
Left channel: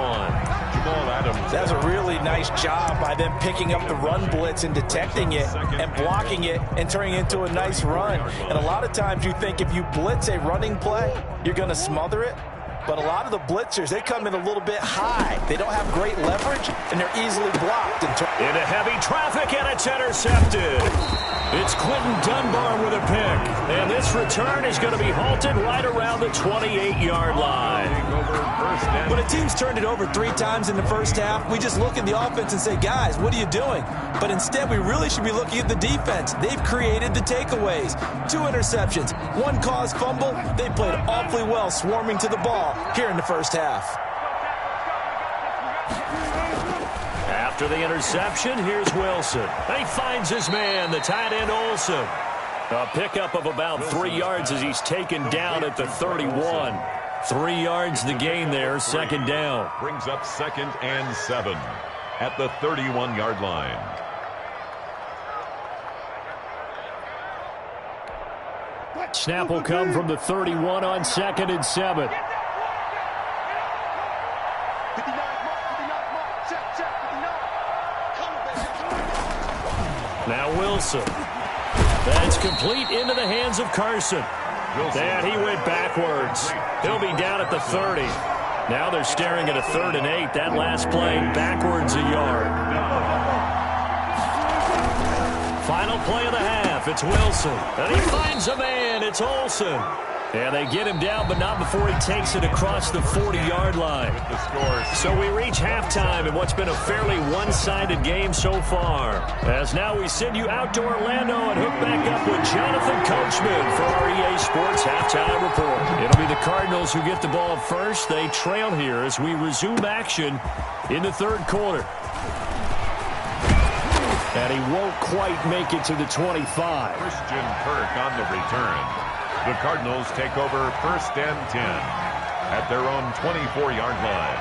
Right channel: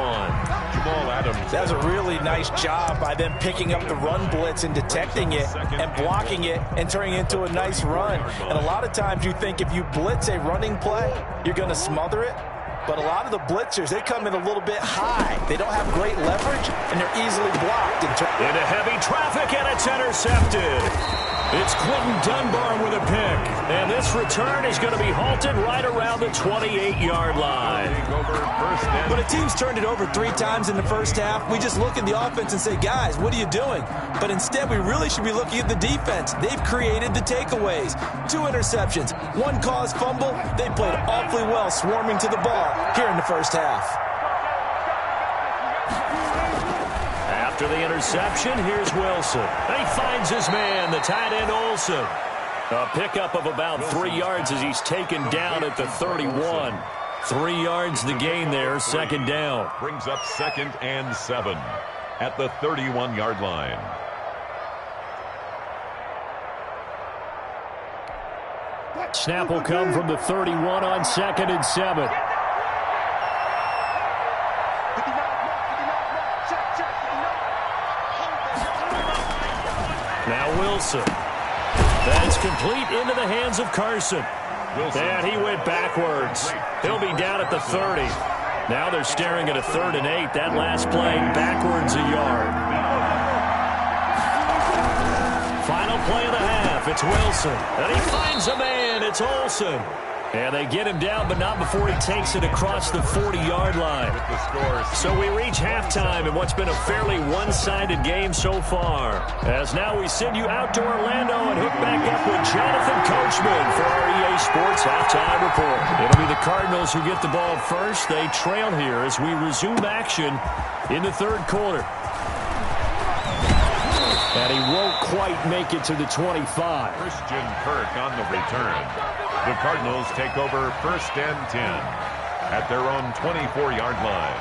Jamal Adams. That's a really nice job by them picking up the run blitz and detecting it and blocking it and turning it into a nice run. And a lot of times you think if you blitz a running play, you're going to smother it. But a lot of the blitzers, they come in a little bit high. They don't have great leverage, and they're easily blocked. Into heavy traffic, and it's intercepted. It's Clinton Dunbar with a pick. And this return is going to be halted right around the 28-yard line. When a team's turned it over 3 times in the first half, we just look at the offense and say, guys, what are you doing? But instead, we really should be looking at the defense. They've created the takeaways. 2 interceptions, 1 caused fumble. They played awfully well swarming to the ball here in the first half. After the interception, here's Wilson. And he finds his man, the tight end Olsen. A pickup of about 3 yards as he's taken down at the 31. 3 yards the gain there, 2nd down. Brings up 2nd and 7 at the 31-yard line. Snap will come from the 31 on 2nd and 7. Now Wilson. That's complete into the hands of Carson. And he went backwards. He'll be down at the 30. Now they're staring at a 3rd and 8. That last play backwards a yard. Final play of the half. It's Wilson. And he finds a man. It's Olsen. And they get him down, but not before he takes it across the 40-yard line. So we reach halftime in what's been a fairly one-sided game so far. As now we send you out to Orlando and hook back up with Jonathan Coachman for our EA Sports Halftime Report. It'll be the Cardinals who get the ball first. They trail here as we resume action in the 3rd quarter. And he won't quite make it to the 25. Christian Kirk on the return. The Cardinals take over 1st and 10 at their own 24-yard line.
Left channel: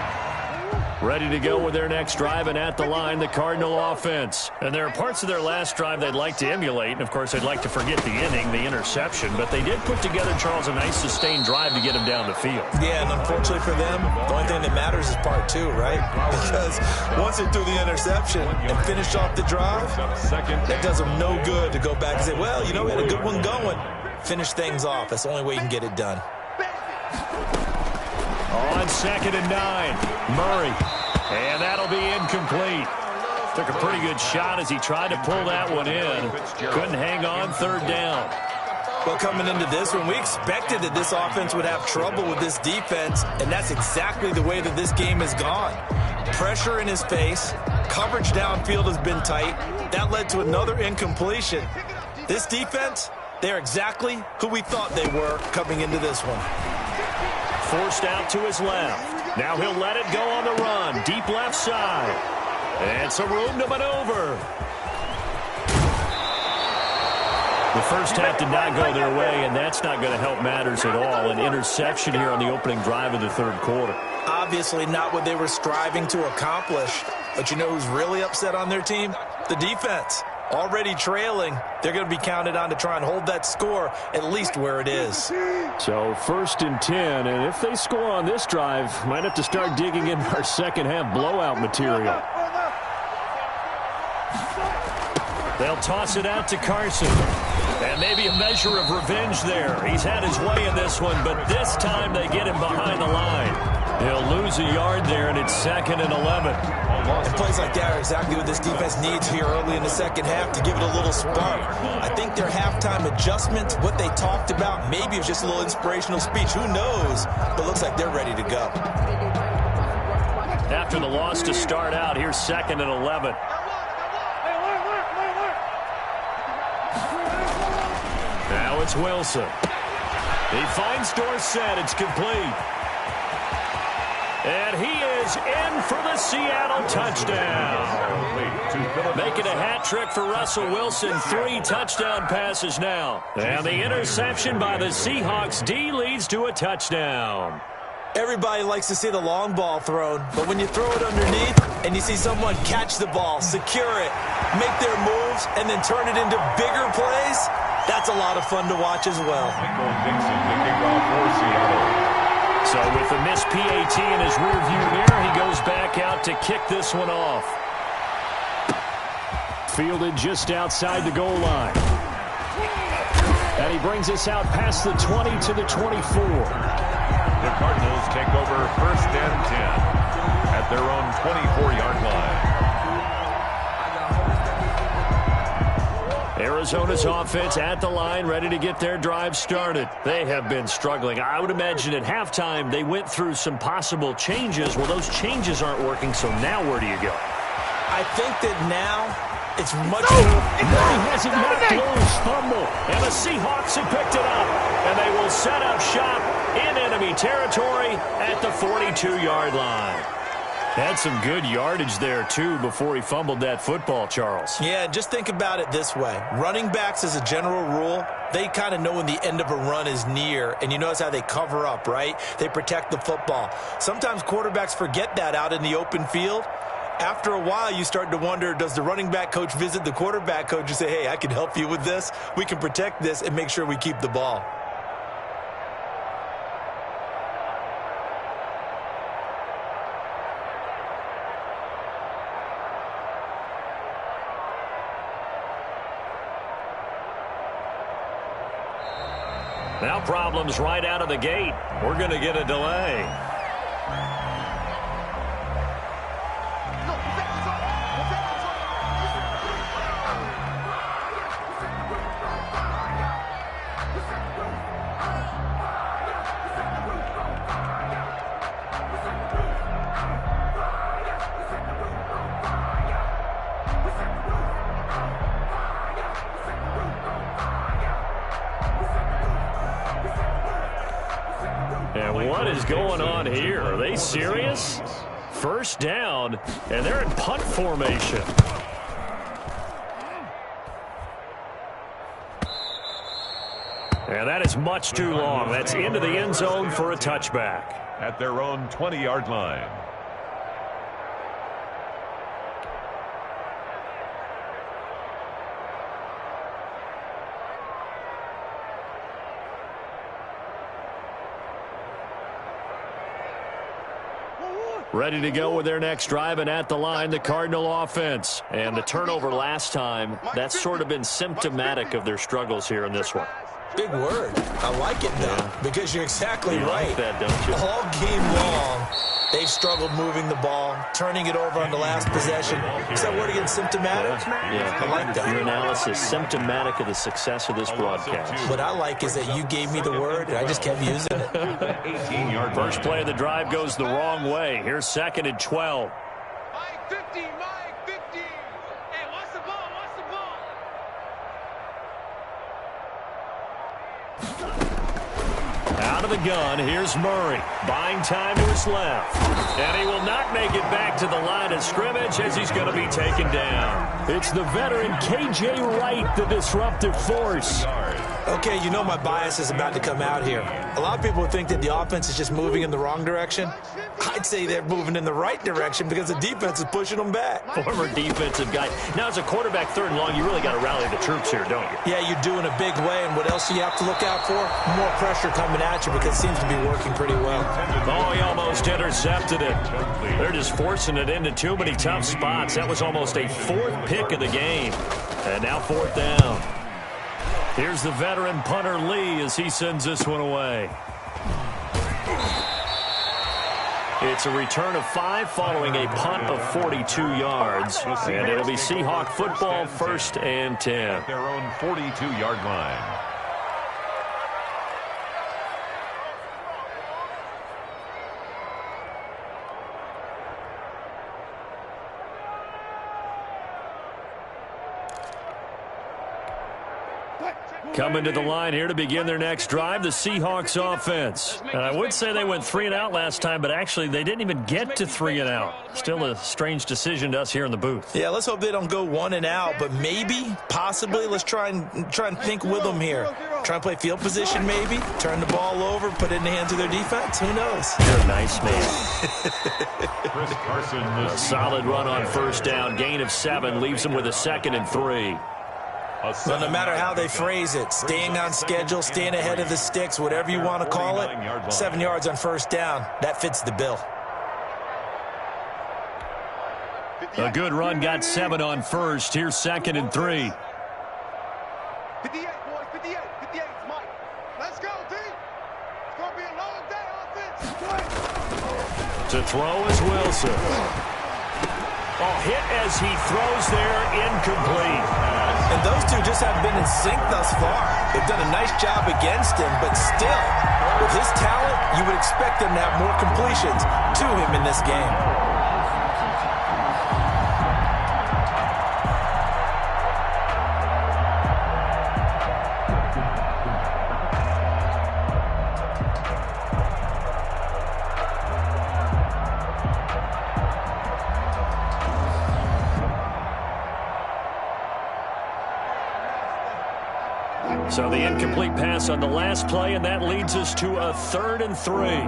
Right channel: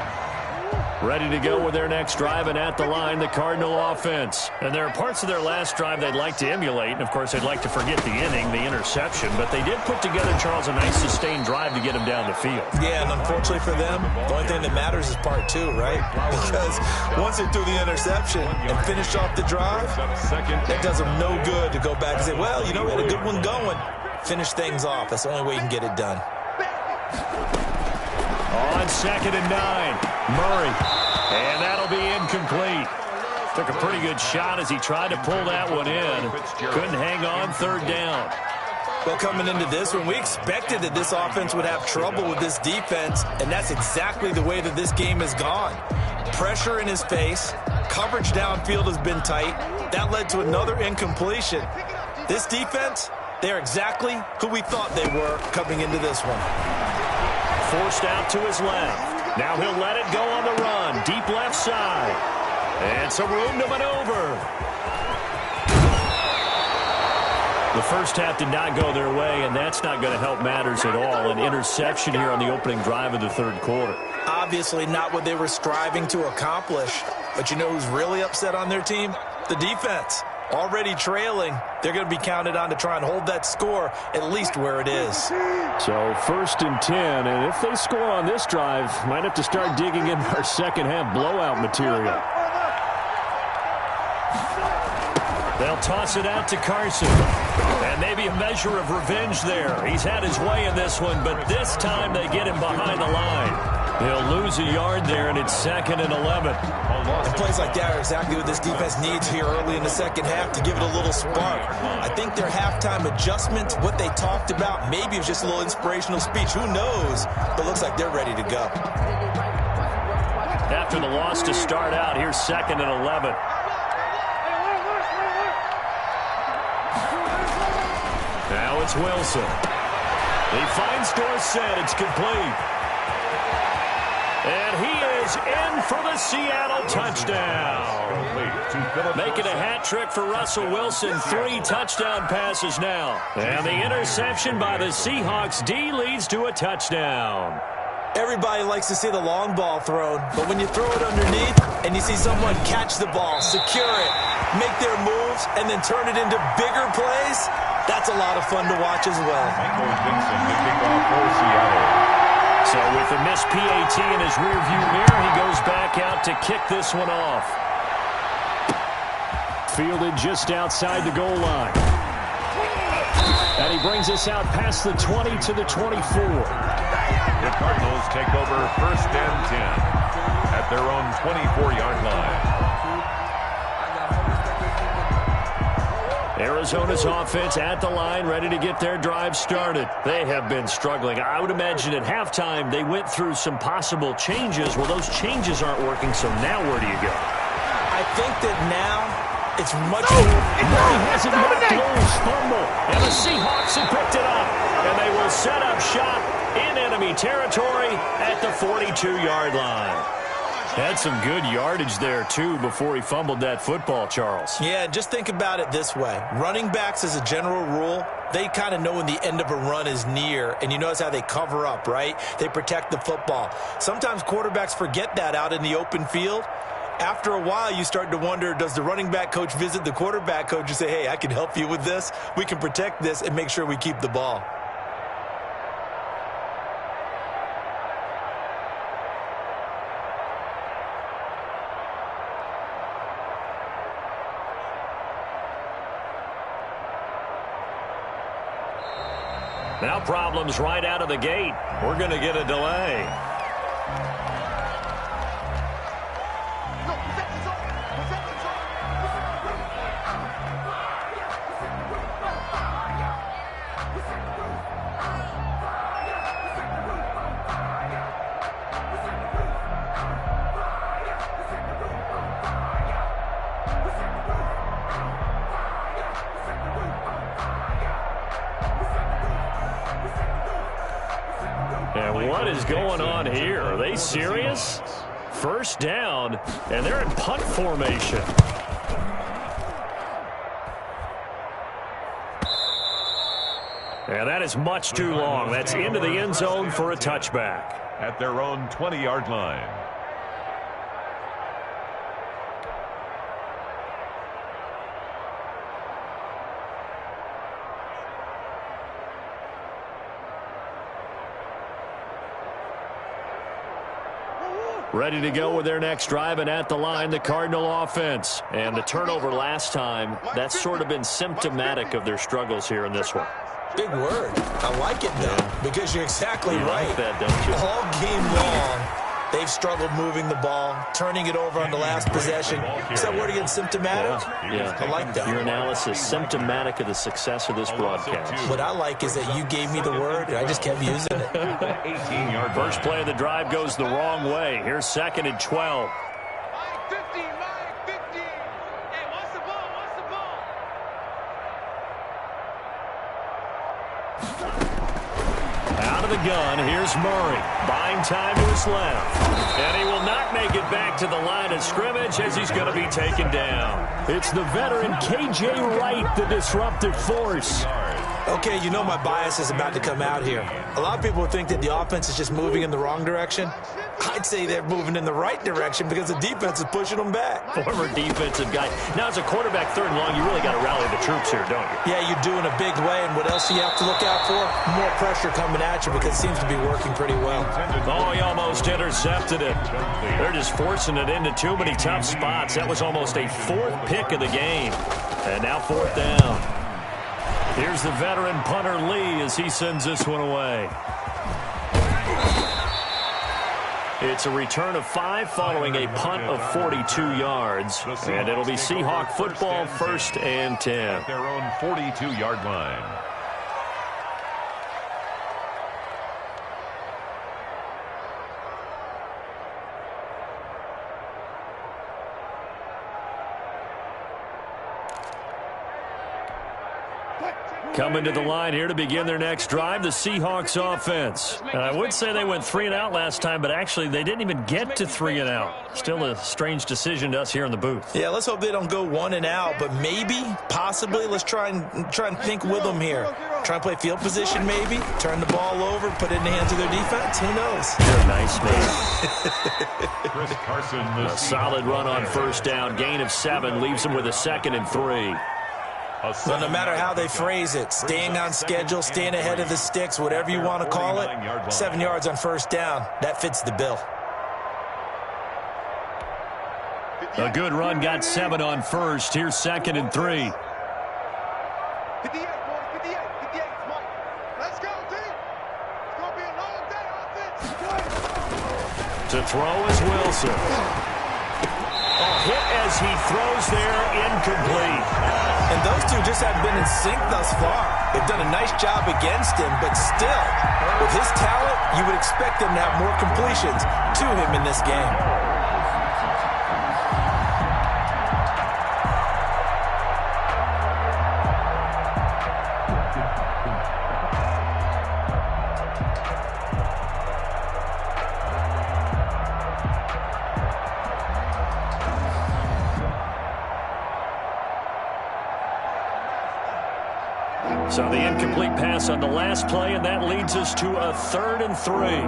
Ready to go with their next drive, and at the line, the Cardinal offense. And there are parts of their last drive they'd like to emulate, and of course they'd like to forget the inning, the interception, but they did put together, Charles, a nice sustained drive to get him down the field. Yeah, and unfortunately for them, the only thing that matters is part 2, right? Because once they threw the interception and finished off the drive, that does them no good to go back and say, well, you know, we had a good one going. Finish things off. That's the only way you can get it done. On 2nd and 9, Murray. And that'll be incomplete. Took a pretty good shot as he tried to pull that one in. Couldn't hang on, third down. Well, coming into this one, we expected that this offense would have trouble with this defense, and that's exactly the way that this game has gone. Pressure in his face, coverage downfield has been tight. That led to another incompletion. This defense, they're exactly who we thought they were coming into this one. Forced out to his left. Now he'll let it go on the run. Deep left side. And some room to maneuver. The first half did not go their way, and that's not going to help matters at all. An interception here on the opening drive of the third quarter. Obviously not what they were striving to accomplish. But you know who's really upset on their team? The defense. Already trailing. They're going to be counted on to try and hold that score at least where it is. So 1st and 10, and if they score on this drive, might have to start digging in our second half blowout material. They'll toss it out to Carson. And maybe a measure of revenge there. He's had his way in this one, but this time they get him behind the line. He'll lose a yard there, and it's 2nd and 11. And plays like that are exactly what this defense needs here early in the second half to give it a little spark. I think their halftime adjustment, what they talked about, maybe it was just a little inspirational speech. Who knows? But looks like they're ready to go. After the loss to start out, here's 2nd and 11. Now it's Wilson. He finds Dorsett. It's complete. And he is in for the Seattle touchdown. Making a hat trick for Russell Wilson. 3 touchdown passes now. And the interception by the Seahawks D leads to a touchdown. Everybody likes to see the long ball thrown, but when you throw it underneath and you see someone catch the ball, secure it, make their moves, and then turn it into bigger plays, that's a lot of fun to watch as well. Michael Dixon, the kickoff for Seattle. So with the missed PAT in his rearview mirror, he goes back out to kick this one off. Fielded just outside the goal line. And he brings us out past the 20 to the 24. The Cardinals take over 1st and 10 at their own 24-yard line. Arizona's offense at the line, ready to get their drive started. They have been struggling. I would imagine at halftime they went through some possible changes. Well, those changes aren't working, so now where do you go? I think that now it's much more. He has it knocked loose, fumble, and the Seahawks have picked it up. And they will set up shop in enemy territory at the 42-yard line. Had some good yardage there, too, before he fumbled that football, Charles. Yeah, just think about it this way. Running backs, as a general rule, they kind of know when the end of a run is near, and you notice how they cover up, right? They protect the football. Sometimes quarterbacks forget that out in the open field. After a while, you start to wonder, does the running back coach visit the quarterback coach and say, hey, I can help you with this. We can protect this and make sure we keep the ball. Now problems right out of the gate. We're going to get a delay. And what is going on here? Are they serious? First down, and they're in punt formation. And that is much too long. That's into the end zone for a touchback. At their own 20-yard line. Ready to go with their next drive, and at the line, the Cardinal offense. And the turnover last time, that's sort of been symptomatic of their struggles here in this one. Big word. I like it, though, because you're exactly right. Like that, don't you? All game long, They've struggled moving the ball, turning it over on the last possession. Is that word again, symptomatic? Yeah. I like that. Your analysis, symptomatic of the success of this broadcast. What I like is that you gave me the word, and I just kept using it. 18-yard First play of the drive goes the wrong way. Here's 2nd and 12. Mike 50, Mike 50. Hey, watch the ball, watch the ball. Out of the gun, here's Murray. Buying time to his left. And he will not make it back to the line of scrimmage as he's going to be taken down. It's the veteran K.J. Wright, the disruptive force. Okay, you know my bias is about to come out here. A lot of people think that the offense is just moving in the wrong direction. I'd say they're moving in the right direction because the defense is pushing them back. Former defensive guy. Now, as a quarterback 3rd and long, you really got to rally the troops here, don't you? Yeah, you're doing a big way, and what else do you have to look out for? More pressure coming at you because it seems to be working pretty well. Oh, he almost intercepted it. They're just forcing it into too many tough spots. That was almost a 4th pick of the game. And now 4th down. Here's the veteran punter Lee as he sends this one away. It's a return of 5 following a punt of 42 yards. And it'll be Seahawk football 1st and 10. At their own 42-yard line. Coming to the line here to begin their next drive, the Seahawks offense. And I would say they went 3 and out last time, but actually they didn't even get to 3 and out. Still a strange decision to us here in the booth. Yeah, let's hope they don't go 1 and out, but maybe, possibly, let's try and think with them here. Try and play field position maybe, turn the ball over, put it in the hands of their defense. Who knows? You're a nice man. Chris Carson, A solid run on 1st down, gain of 7, leaves them with a 2nd and 3. But no matter how they phrase it, staying on schedule, staying ahead of the sticks, whatever you want to call it, 7 yards on 1st down, that fits the bill. A good run got 7 on 1st. Here's 2nd and 3. 58, boys, 58, 58, Mike. Let's go, D. It's going to be a long day, offense. To throw is Wilson. Oh, hit as he throws there, incomplete. And those two just haven't been in sync thus far. They've done a nice job against him, but still, with his talent, you would expect them to have more completions to him in this game. So the incomplete pass on the last play, and that leads us to a 3rd and 3.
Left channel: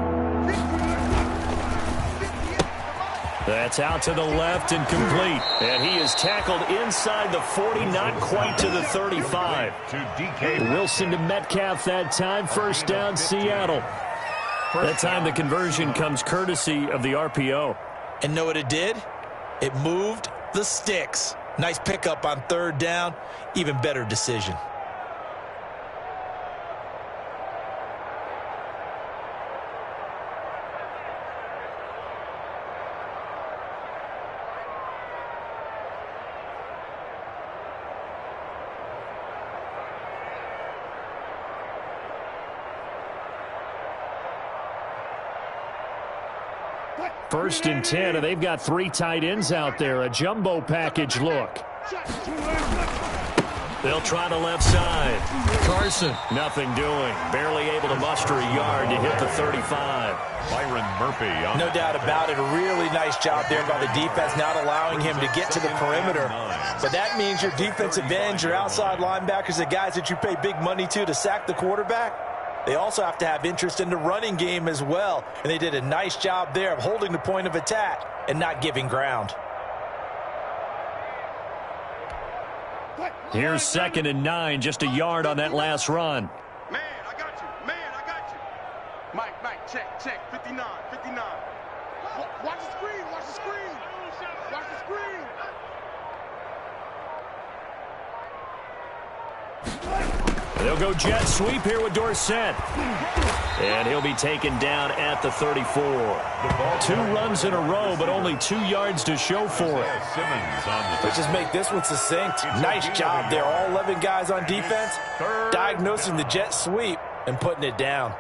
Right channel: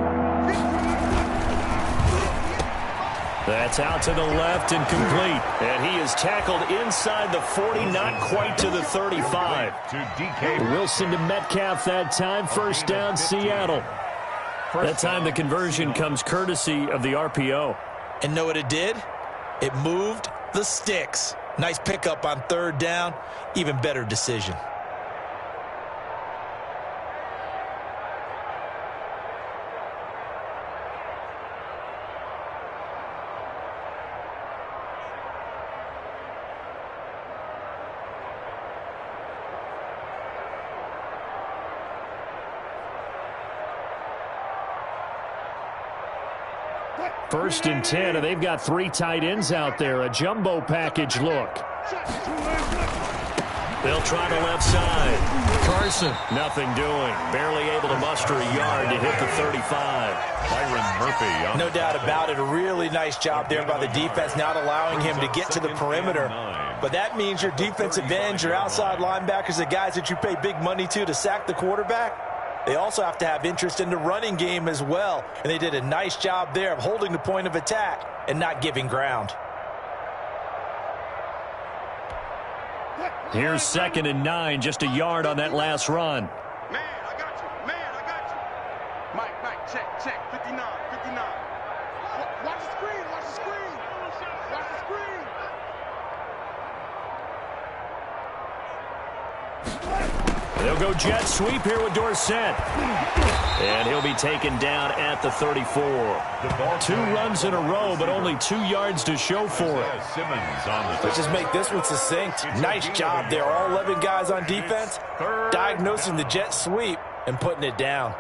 That's out to the left and complete. And he is tackled inside the 40, not quite to the 35. To DK Wilson to Metcalf that time. 1st down, Seattle. That time the conversion comes courtesy of the RPO. And know what it did? It moved the sticks. Nice pickup on 3rd down. Even better decision. First and 10, and they've got 3 tight ends out there. A jumbo package look. They'll try the left side. Carson, nothing doing. Barely able to muster a yard to hit the 35. Byron Murphy. No doubt about it. A really nice job there by the defense, not allowing him to get to the perimeter. But that means your defensive ends, your outside linebackers, the guys that you pay big money to sack the quarterback, they also have to have interest in the running game as well. And they did a nice job there of holding the point of attack and not giving ground. Here's 2nd and 9, just a yard on that last run. Man, I got you. Man, I got you. Mike, check. 59, 59. Watch the screen, watch the screen. Watch the screen. They'll go jet sweep here with Dorsett. And he'll be taken down at the 34. 2 runs in a row, but only 2 yards to show for it. Let's just make this one succinct. Nice job there. All 11 guys on defense diagnosing the jet sweep and putting it down.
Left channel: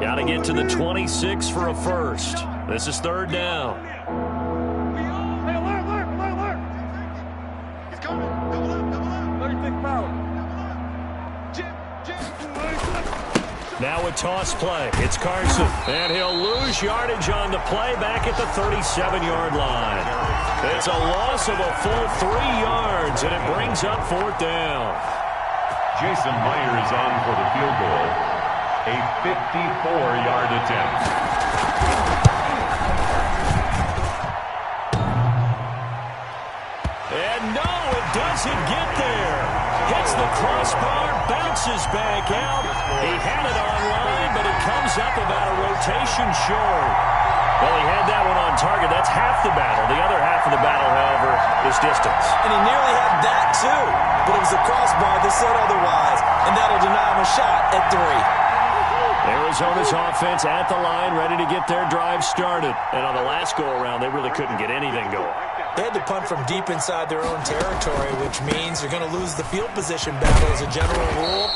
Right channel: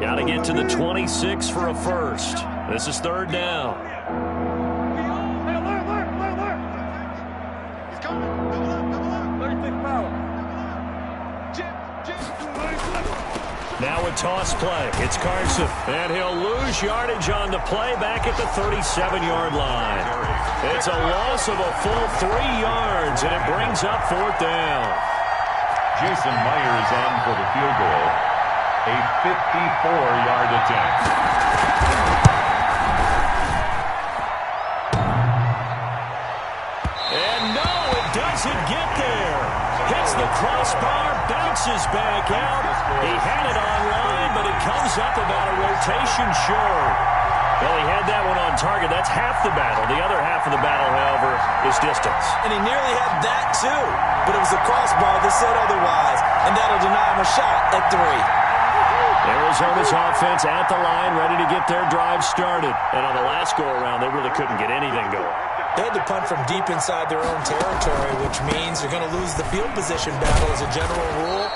Got to get to the 26 for a first. This is 3rd down. Hey, alert. He's coming. Double up. 36 power. Jim. Now a toss play. It's Carson. And he'll lose yardage on the play back at the 37-yard line. It's a loss of a full 3 yards, and it brings up 4th down. Jason Myers on for the field goal. A 54-yard attempt. And no, it doesn't get there. Hits the crossbar, bounces back out. He had it online, but it comes up about a rotation short. Well, he had that one on target. That's half the battle. The other half of the battle, however, is distance. And he nearly had that, too. But it was a crossbar that said otherwise, and that'll deny him a shot at 3. Arizona's offense at the line, ready to get their drive started. And on the last go-around, they really couldn't get anything going. They had to punt from deep inside their own territory, which means they're going to lose the field position battle as a general rule.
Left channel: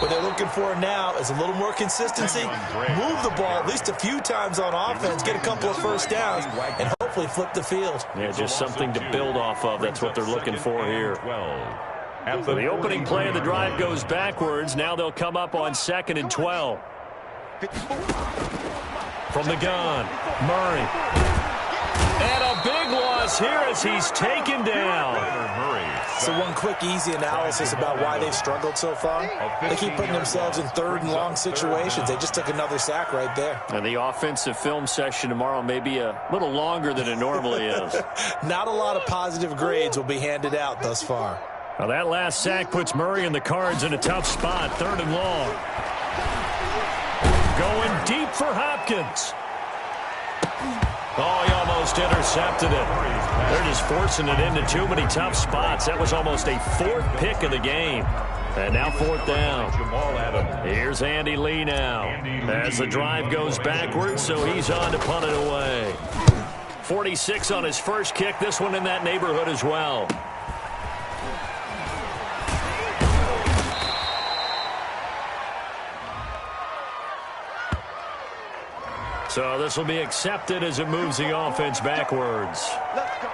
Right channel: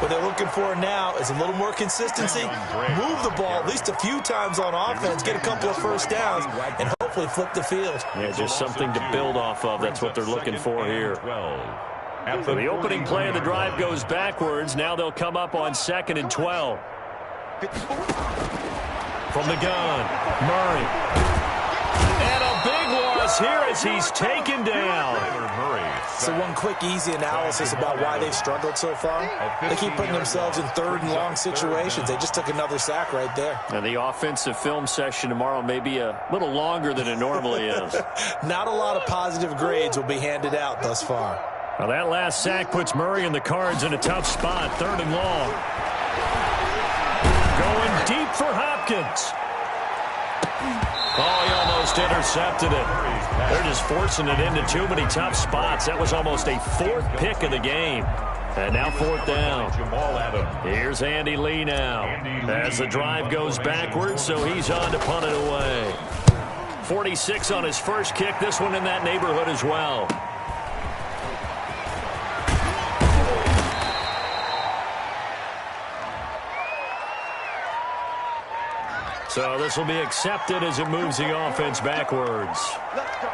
What they're looking for now is a little more consistency, move the ball at least a few times on offense, get a couple of first downs, and hopefully flip the field. Yeah, just something to build off of. That's what they're looking for here. The opening play of the drive goes backwards. Now they'll come up on 2nd and 12. From the gun, Murray. And a big loss here as he's taken down. So one quick, easy analysis about why they've struggled so far. They keep putting themselves in 3rd and long situations. They just took another sack right there. And the offensive film session tomorrow may be a little longer than it normally is. Not a lot of positive grades will be handed out thus far. Well, that last sack puts Murray and the Cards in a tough spot, 3rd and long. Going deep for Hopkins. Oh, he almost intercepted it. They're just forcing it into too many tough spots. That was almost a 4th pick of the game. And now 4th down. Here's Andy Lee now. As the drive goes backwards, so he's on to punt it away. 46 on his first kick. This one in that neighborhood as well. So this will be accepted as it moves the offense backwards. Let's go.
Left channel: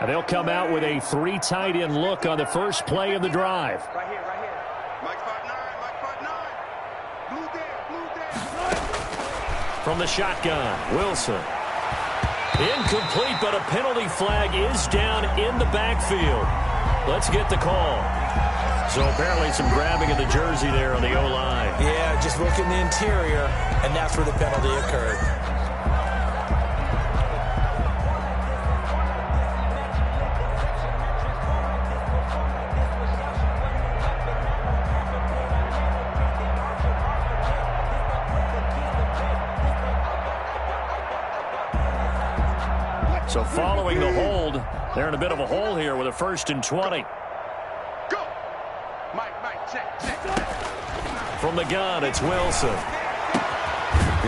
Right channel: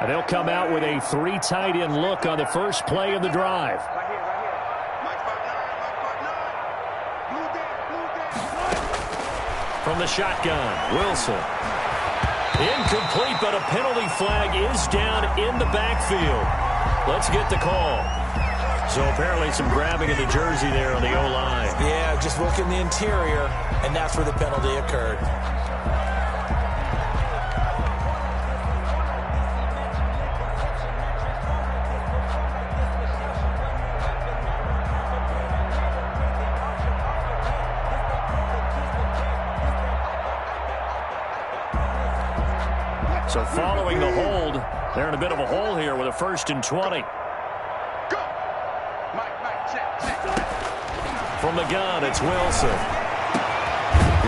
And they'll come out with a 3 tight end look on the first play of the drive. Right here. Mike 5'9", Blue there. From the shotgun, Wilson. Incomplete, but a penalty flag is down in the backfield. Let's get the call. So apparently some grabbing of the jersey there on the O-line. Yeah, just look in the interior, and that's where the penalty occurred. So following the hold, they're in a bit of a hole here with a 1st and 20. Go. Mike, check. From the gun, it's Wilson.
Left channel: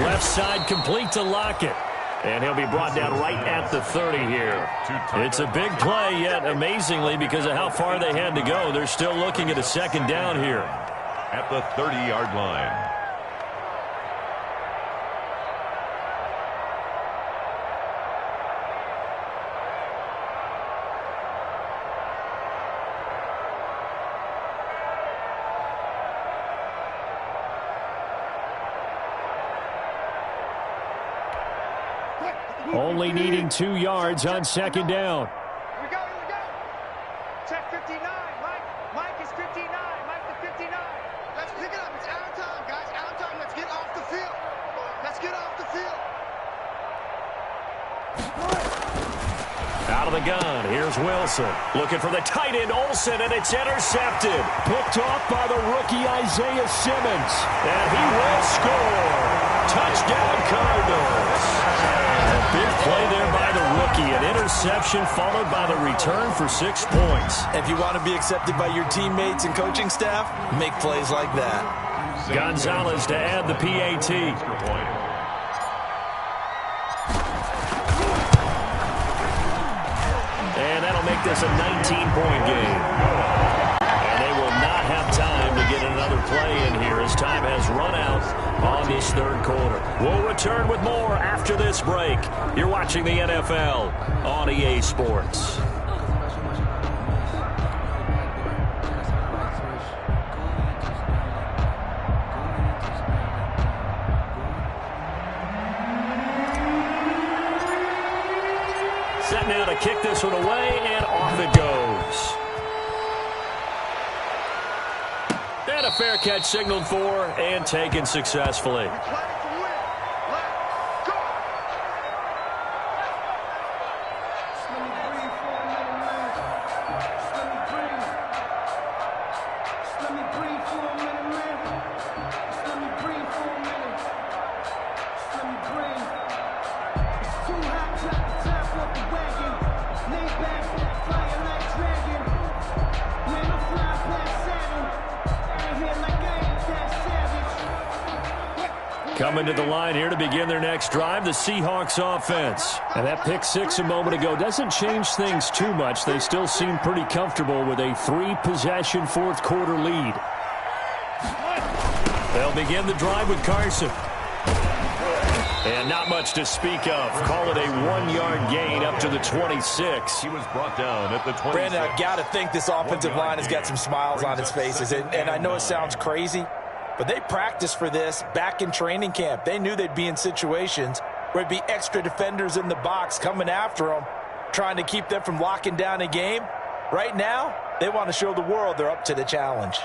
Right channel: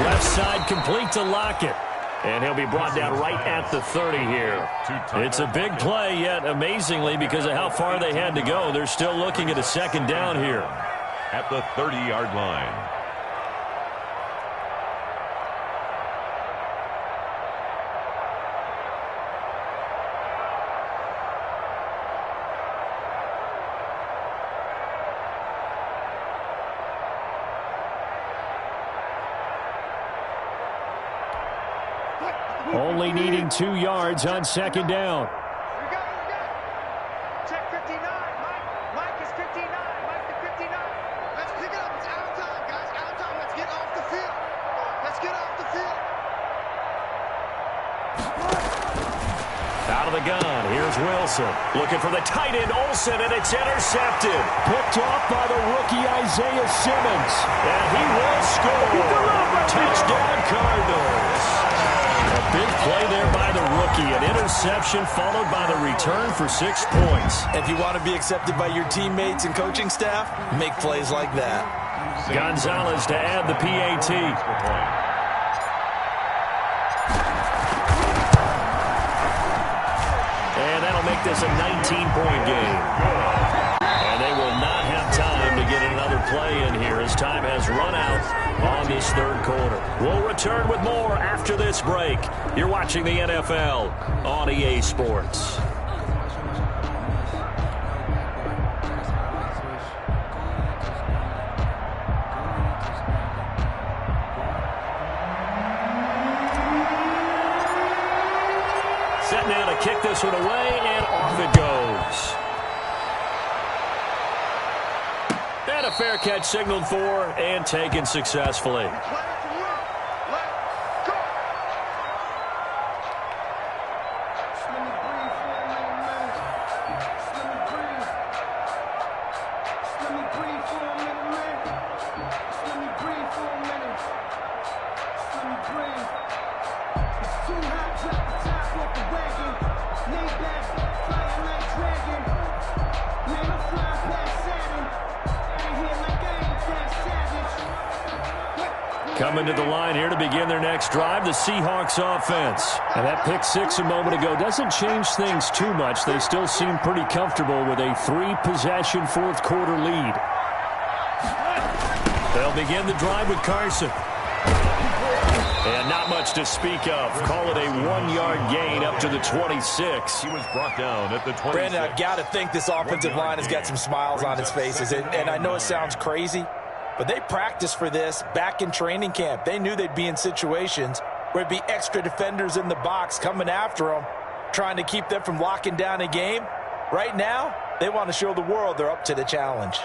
Left side complete to Lockett. And he'll be brought down right at the 30 here. It's a big play, yet amazingly, because of how far they had to go, they're still looking at a 2nd down here. At the 30-yard line. Only needing 2 yards on 2nd down. 59. Mike to 59. Let's pick it up. It's out of time, guys. Out of time. Let's get off the field. Let's get off the field. Out of the gun, here's Wilson. Looking for the tight end, Olsen, and it's intercepted. Picked off by the rookie Isaiah Simmons. And he will score. Touchdown, Cardinals. A big play there by the rookie. An interception followed by the return for 6 points. If you want to be accepted by your teammates and coaching staff, make plays like that. Gonzalez to add the PAT. And that'll make this a 19-point game. And they will not have time to get another play in here as time has run out on this third quarter. We'll return with more after this break. You're watching the NFL on EA Sports. Set now to kick this one away, and off it goes. And a fair catch signaled for and taken successfully. We play to win. Let's go. Just let me breathe for a minute, man. Just let me breathe. Just let me breathe for a minute, man. Just let me breathe for a minute. Just let me breathe. It's too hot, drop the top off the wagon. Lay back, flying like dragon. Man, I'm flying past Saturn. Out of here like I ain't that savage. Coming to the line here to begin their next drive, the Seahawks offense. And that pick six a moment ago doesn't change things too much. They still seem pretty comfortable with a 3-possession fourth quarter lead. They'll begin the drive with Carson. And not much to speak of. Call it a 1-yard gain up to the 26. He was brought down at the 26. Brandon, I've got to think this offensive line has got some smiles on its faces. And I know it sounds crazy, but they practiced for this back in training camp. They knew they'd be in situations where it'd be extra defenders in the box coming after them, trying to keep them from locking down a game. Right now, they want to show the world they're up to the challenge.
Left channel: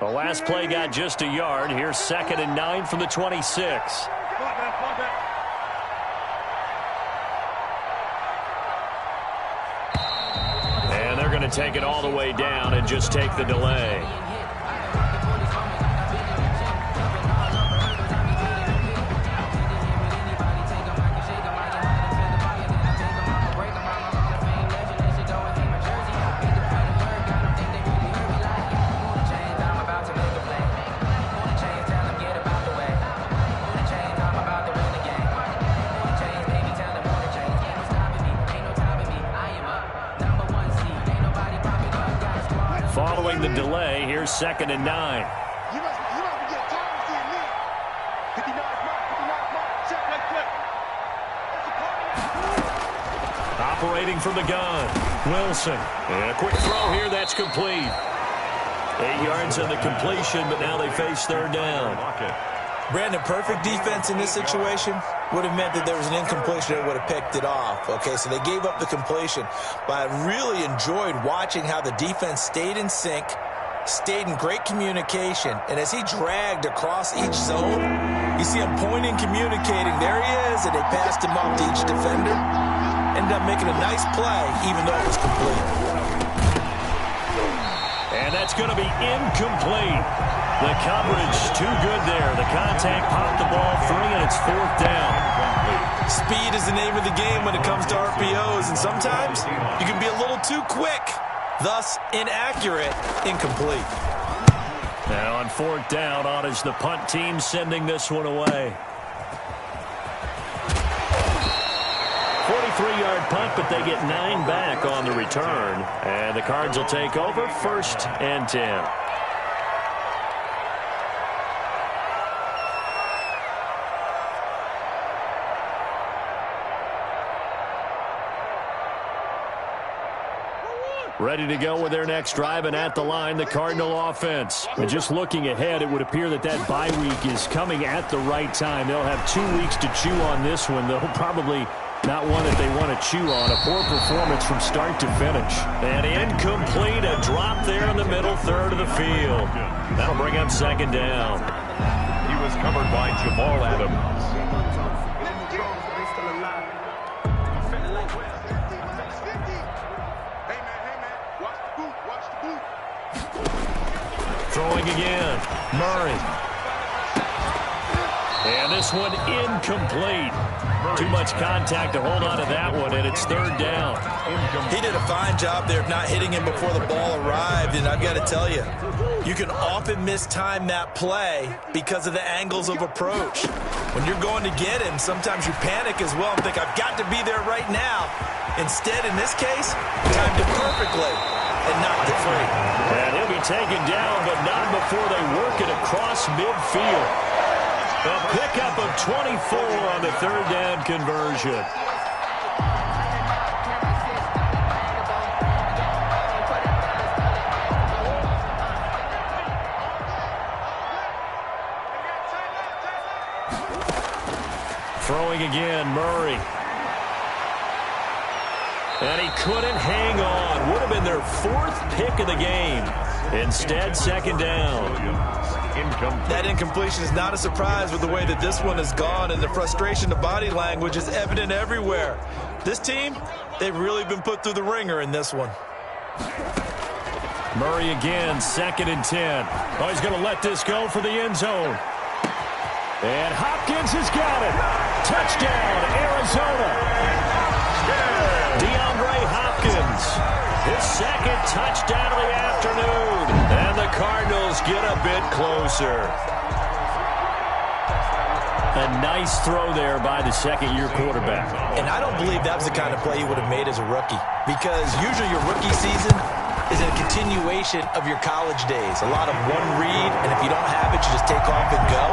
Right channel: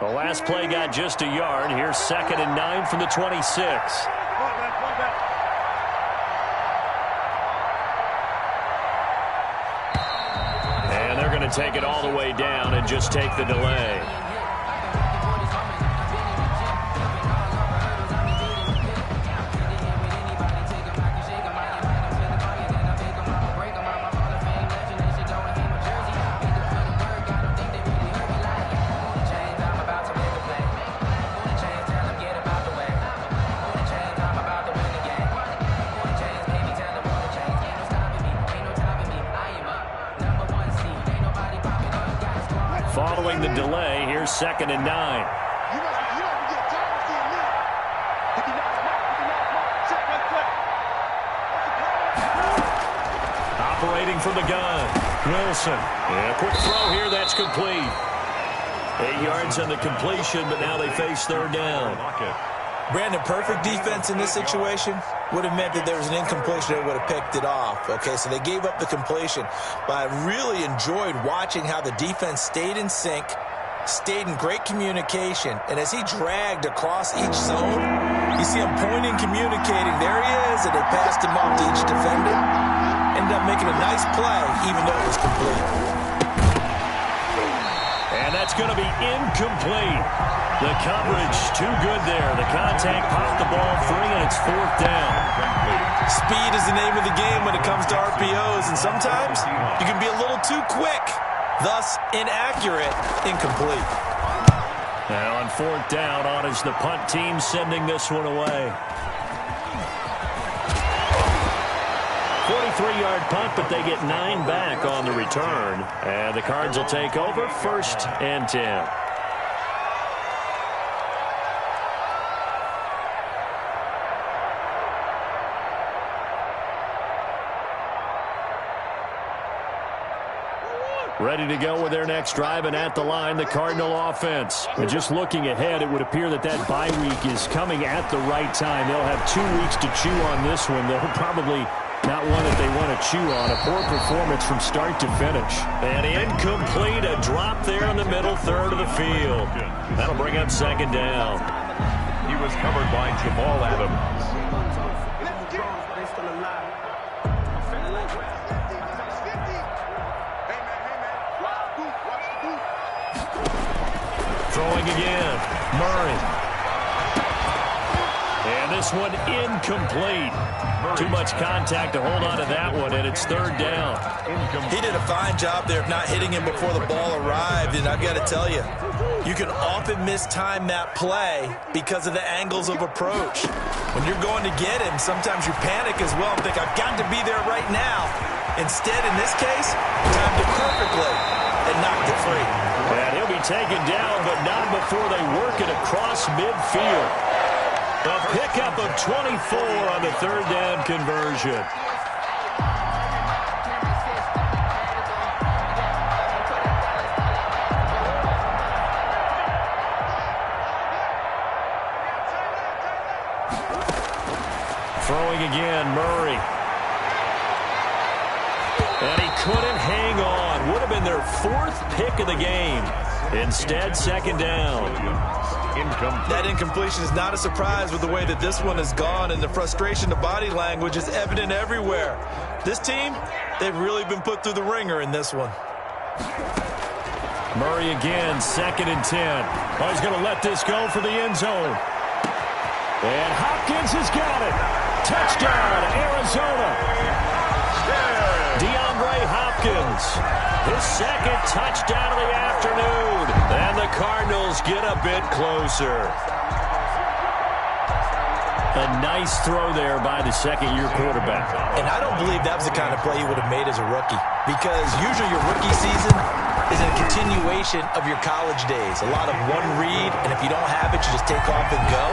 The last play got just a yard. Here's 2nd and 9 from the 26. And they're going to take it all the way down and just take the delay. Following the delay, here's 2nd and 9. You must be getting tired of seeing me. 59 mark. Check, right. Operating from the gun, Wilson. And a quick throw here, that's complete. 8 yards on the completion, but now they face third down. Brandon, perfect defense in this situation would have meant that there was an incompletion that would have picked it off. Okay, so they gave up the completion. But I really enjoyed watching how the defense stayed in sync, stayed in great communication. And as he dragged across each zone, you see him pointing, communicating. There he is, and they passed him off to each defender. Ended up making a nice play, even though it was complete. And that's going to be incomplete. The coverage too good there. The contact popped the ball free, and it's 4th down. Speed is the name of the game when it comes to RPOs, and sometimes you can be a little too quick, thus inaccurate, incomplete. Now on 4th down, on is the punt team sending this one away. 43-yard punt, but they get 9 back on the return. And the Cards will take over 1st and 10. Ready to go with their next drive, and at the line, the Cardinal offense. And just looking ahead, it would appear that bye week is coming at the right time. They'll have 2 weeks to chew on this one, though probably not one that they want to chew on. A poor performance from start to finish. And incomplete, a drop there in the middle third of the field. That'll bring up second down. He was covered by Jamal Adams. Throwing again, Murray. And this one incomplete. Too much contact to hold on to that one, and it's third down. He did a fine job there of not hitting him before the ball arrived, and I've got to tell you, you can often mistime that play because of the angles of approach. When you're going to get him, sometimes you panic as well and think, I've got to be there right now. Instead, in this case, timed it perfectly and knocked it free. And he'll be taken down, but not before they work it across midfield. A pickup of 24 on the third down conversion. Throwing again, Murray. And he couldn't hang on. Would have been their 4th pick of the game. Instead, second down. That incompletion is not a surprise with the way that this one has gone, and the frustration, the body language is evident everywhere. This team, they've really been put through the ringer in this one. Murray again, 2nd and 10. Oh, he's going to let this go for the end zone. And Hopkins has got it. Touchdown, Arizona. DeAndre Hopkins, his 2nd touchdown of the afternoon. And the Cardinals get a bit closer. A nice throw there by the second-year quarterback. And I don't believe that was the kind of play he would have made as a rookie, because usually your rookie season is a continuation of your college days. A lot of one read, and if you don't have it, you just take off and go.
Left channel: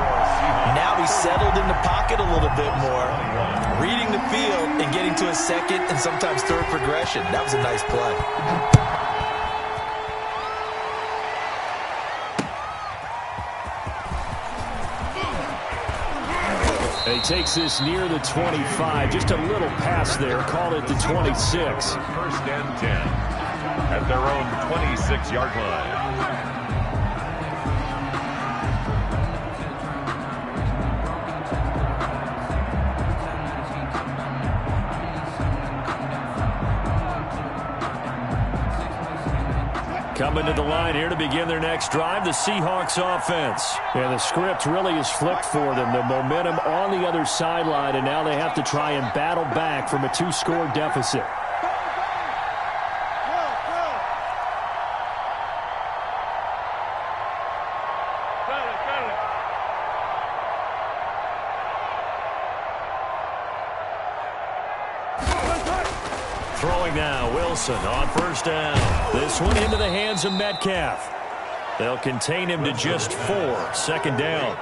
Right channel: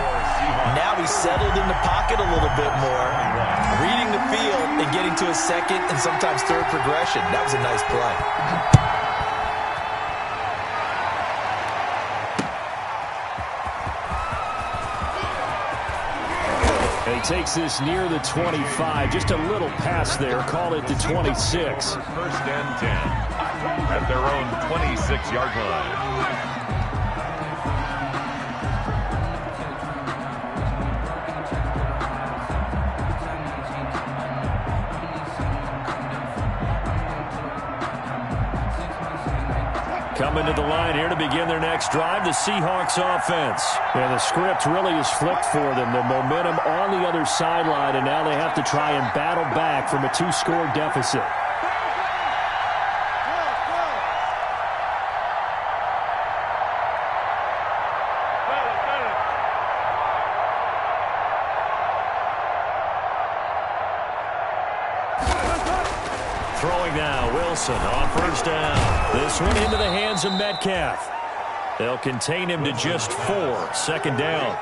Now he's settled in the pocket a little bit more, reading the field and getting to his 2nd and sometimes 3rd progression. That was a nice play. And he takes this near the 25. Just a little pass there. Call it the 26. 1st and 10 at their own 26-yard line. Coming to the line here to begin their next drive, the Seahawks offense. And the script really is flipped for them. The momentum on the other sideline, and now they have to try and battle back from a 2-score deficit. Throwing now, Wilson on 1st down. This one into the hands of Metcalf. They'll contain him to just 4. 2nd down.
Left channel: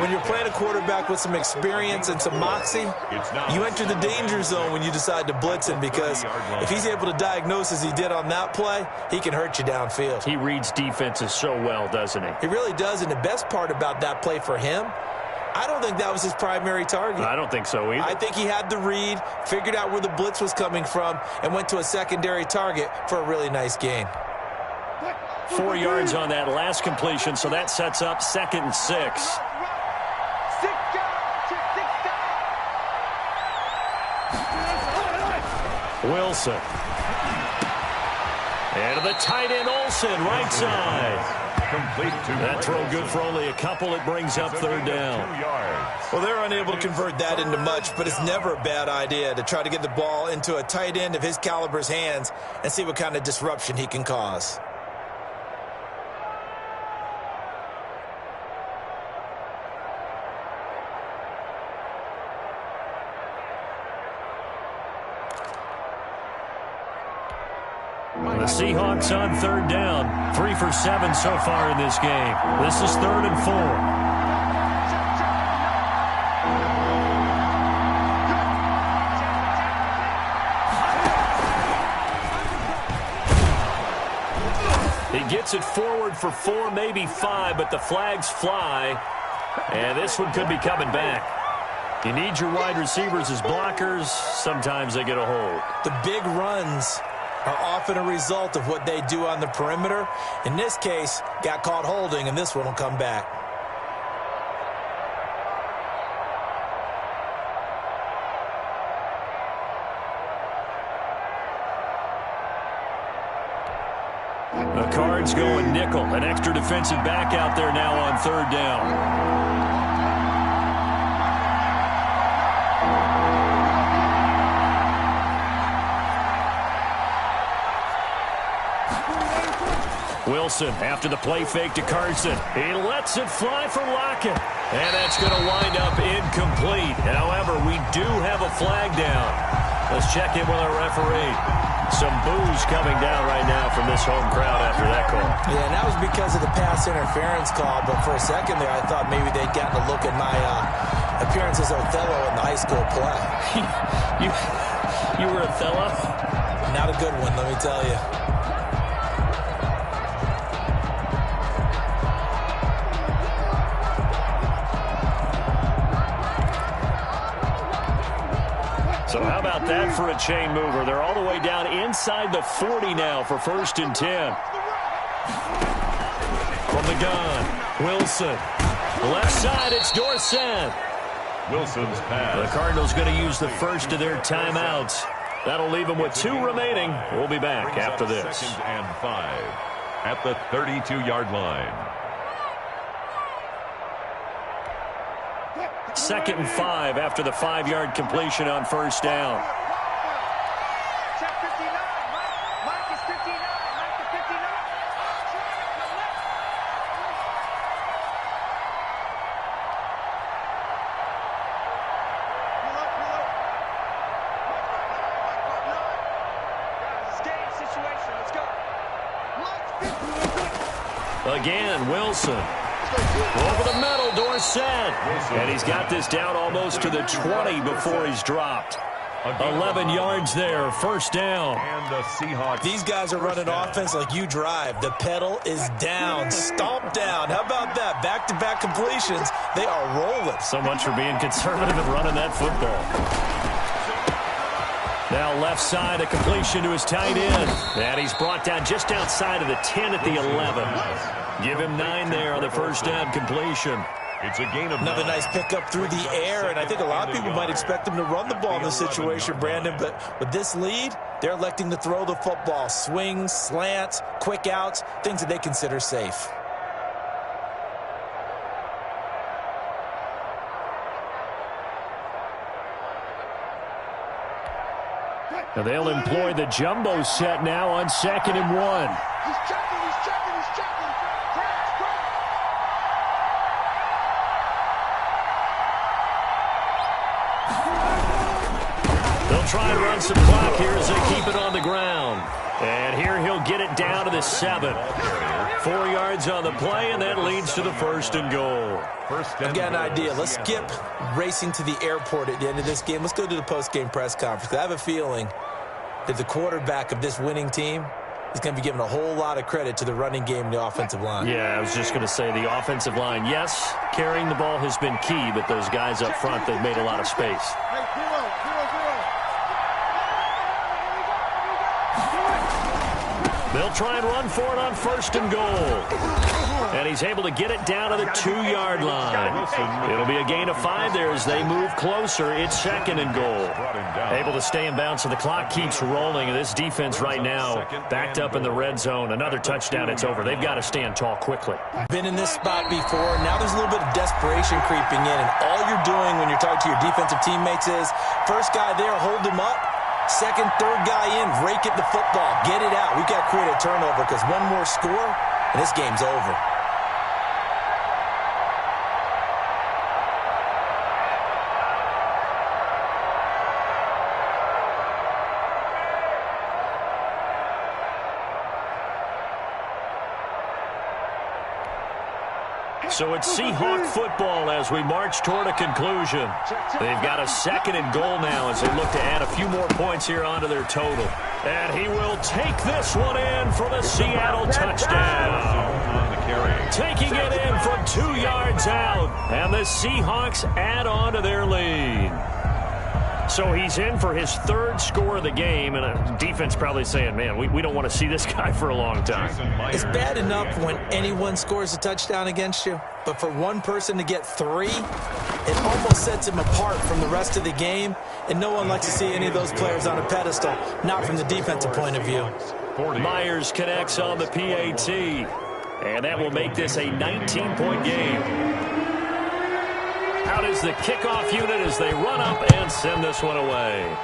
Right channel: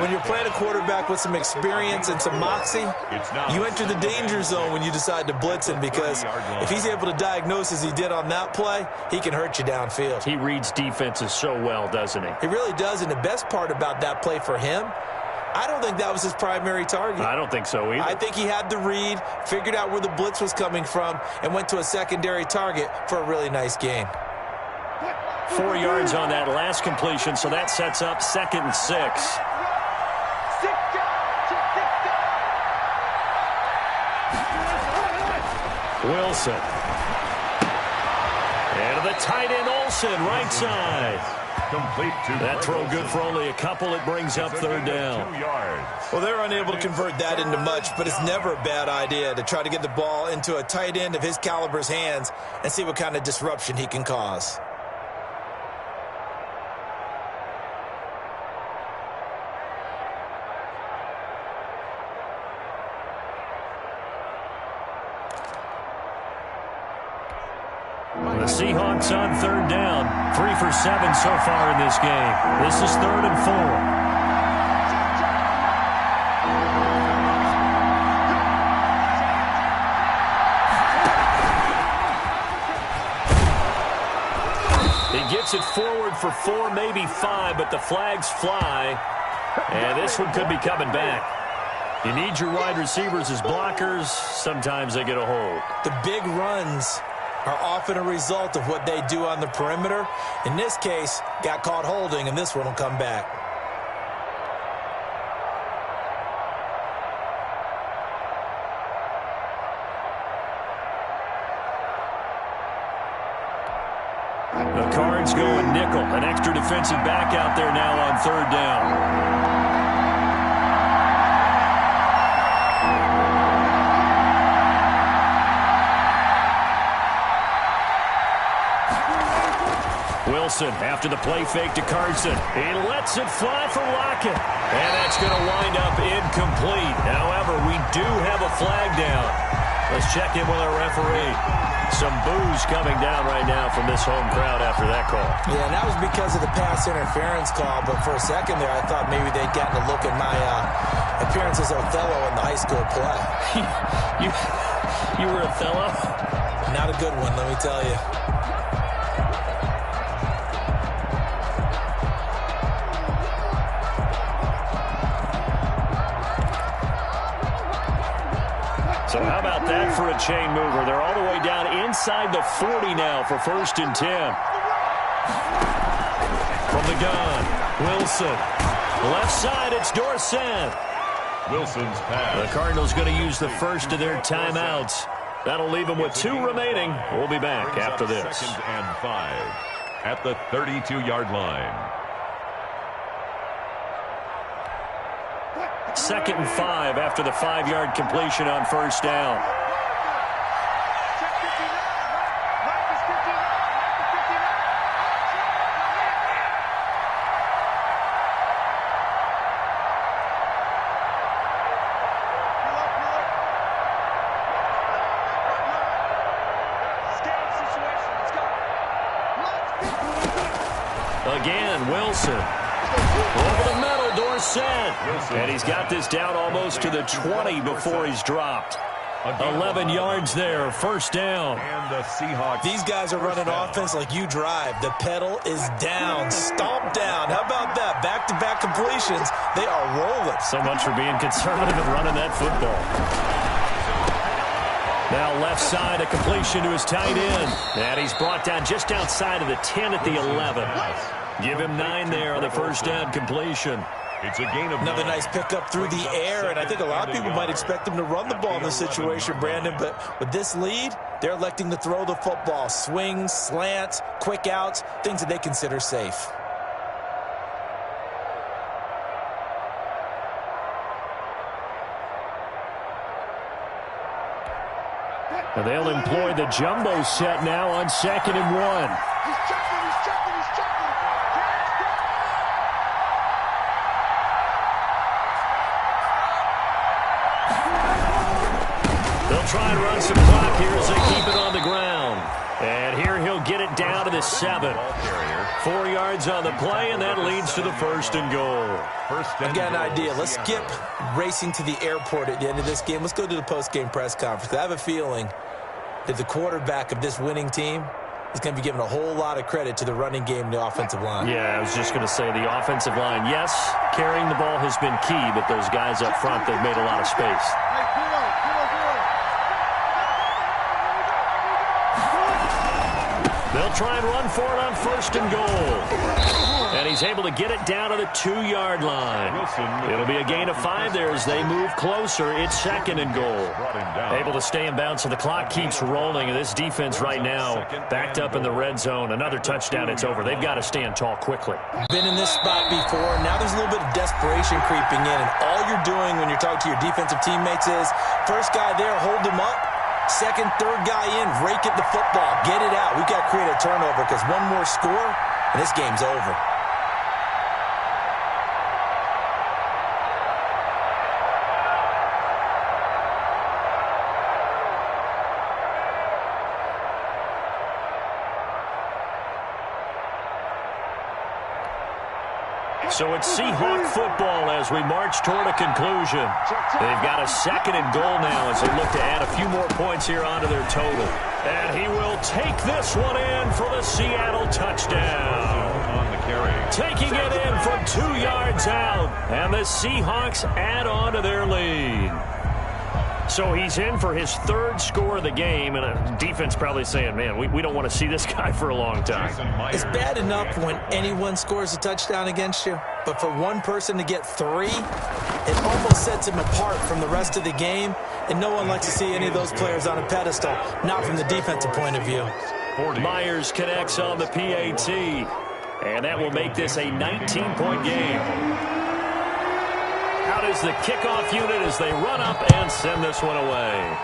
When you're playing a quarterback with some experience and some moxie, you enter the danger zone when you decide to blitz him, because if he's able to diagnose as he did on that play, he can hurt you downfield. He reads defenses so well, doesn't he? He really does, and the best part about that play for him, I don't think that was his primary target. I don't think so either. I think he had the read, figured out where the blitz was coming from, and went to a secondary target for a really nice gain. 4 yards on that last completion, so that sets up 2nd and 6. Wilson. And the tight end Olsen, right side. Complete to that throw good for only a couple. It brings up 3rd down. 2 yards. Well, they're unable to convert that into much, but it's never a bad idea to try to get the ball into a tight end of his caliber's hands and see what kind of disruption he can cause. The Seahawks on 3rd down. 3 for 7 so far in this game. This is 3rd and 4. He gets it forward for 4, maybe 5, but the flags fly. And this one could be coming back. You need your wide receivers as blockers. Sometimes they get a hold. The big runs are often a result of what they do on the perimeter. In this case, got caught holding, and this one will come back. The Cards going nickel. An extra defensive back out there now on 3rd down. Wilson after the play fake to Carson. He lets it fly for Lockett. And that's going to wind up incomplete. However, we do have a flag down. Let's check in with our referee. Some boos coming down right now from this home crowd after that call. Yeah, and that was because of the pass interference call. But for a second there, I thought maybe they'd gotten a look at my appearance as Othello in the high school play. You were Othello? Not a good one, let me tell you. So how about that for a chain mover? They're all the way down inside the 40 now for 1st and 10. From the gun, Wilson. Left side, it's Dorsett. Wilson's pass. The Cardinals going to use the first of their timeouts. That'll leave them with 2 remaining. We'll be back after this. 2nd and 5 at the 32-yard line. 2nd and 5 after the 5-yard completion on 1st down. Check 59. Mike is 59. Mike to 59. I'm trying to connect. Pull up. Guys, it's game situation. Let's go. Again, Wilson. Over the middle, Dorsett. And he's got this down almost to the 20 before he's dropped. 11 yards there, 1st down. And the Seahawks. These guys are running offense like you drive. The pedal is down, stomp down. How about that? Back-to-back completions. They are rolling. So much for being conservative and running that football. Now left side, a completion to his tight end. And he's brought down just outside of the 10 at the 11. Give him 9 there on the 1st down completion. It's a gain of Another 9. nice pickup through the air, and I think a lot of people might expect him to run the ball in this situation, Brandon, but with this lead, they're electing to throw the football. Swings, slants, quick outs, things that they consider safe. And they'll employ the jumbo set now on 2nd and 1. He's checking. They'll try and run some clock here as they keep it on the ground. And here he'll get it down to the 7. 4 yards on the play, and that leads to the 1st and goal. I've got an idea. Let's skip racing to the airport at the end of this game. Let's go to the post-game press conference. I have a feeling that the quarterback of this winning team is going to be giving a whole lot of credit to the running game and the offensive line. Yeah, I was just going to say the offensive line, yes, carrying the ball has been key, but those guys up front, they've made a lot of space. They'll try and run for it on 1st and goal. And he's able to get it down to the 2-yard line. It'll be a gain of 5 there as they move closer. It's 2nd and goal. Able to stay in bounds, so the clock keeps rolling. And this defense right now backed up in the red zone. Another touchdown, it's over. They've got to stand tall quickly. Been in this spot before. Now there's a little bit of desperation creeping in. And all you're doing when you're talking to your defensive teammates is, first guy there, hold him up. Second, third guy in, rake at the football. Get it out. We've got to create a turnover because one more score, and this game's over. So it's Seahawk football as we march toward a conclusion. They've got a 2nd and goal now as they look to add a few more points here onto their total. And he will take this one in for the Seattle touchdown. On the carry. Taking it in from 2 yards out. And the Seahawks add on to their lead. So he's in for his 3rd score of the game, and a defense probably saying, man, we don't want to see this guy for a long time. It's bad enough when anyone scores a touchdown against you, but for one person to get 3, it almost sets him apart from the rest of the game, and no one likes to see any of those players on a pedestal, not from the defensive point of view. Myers connects on the PAT, and that will make this a 19-point game. Out is the kickoff unit as they run up and send this one away.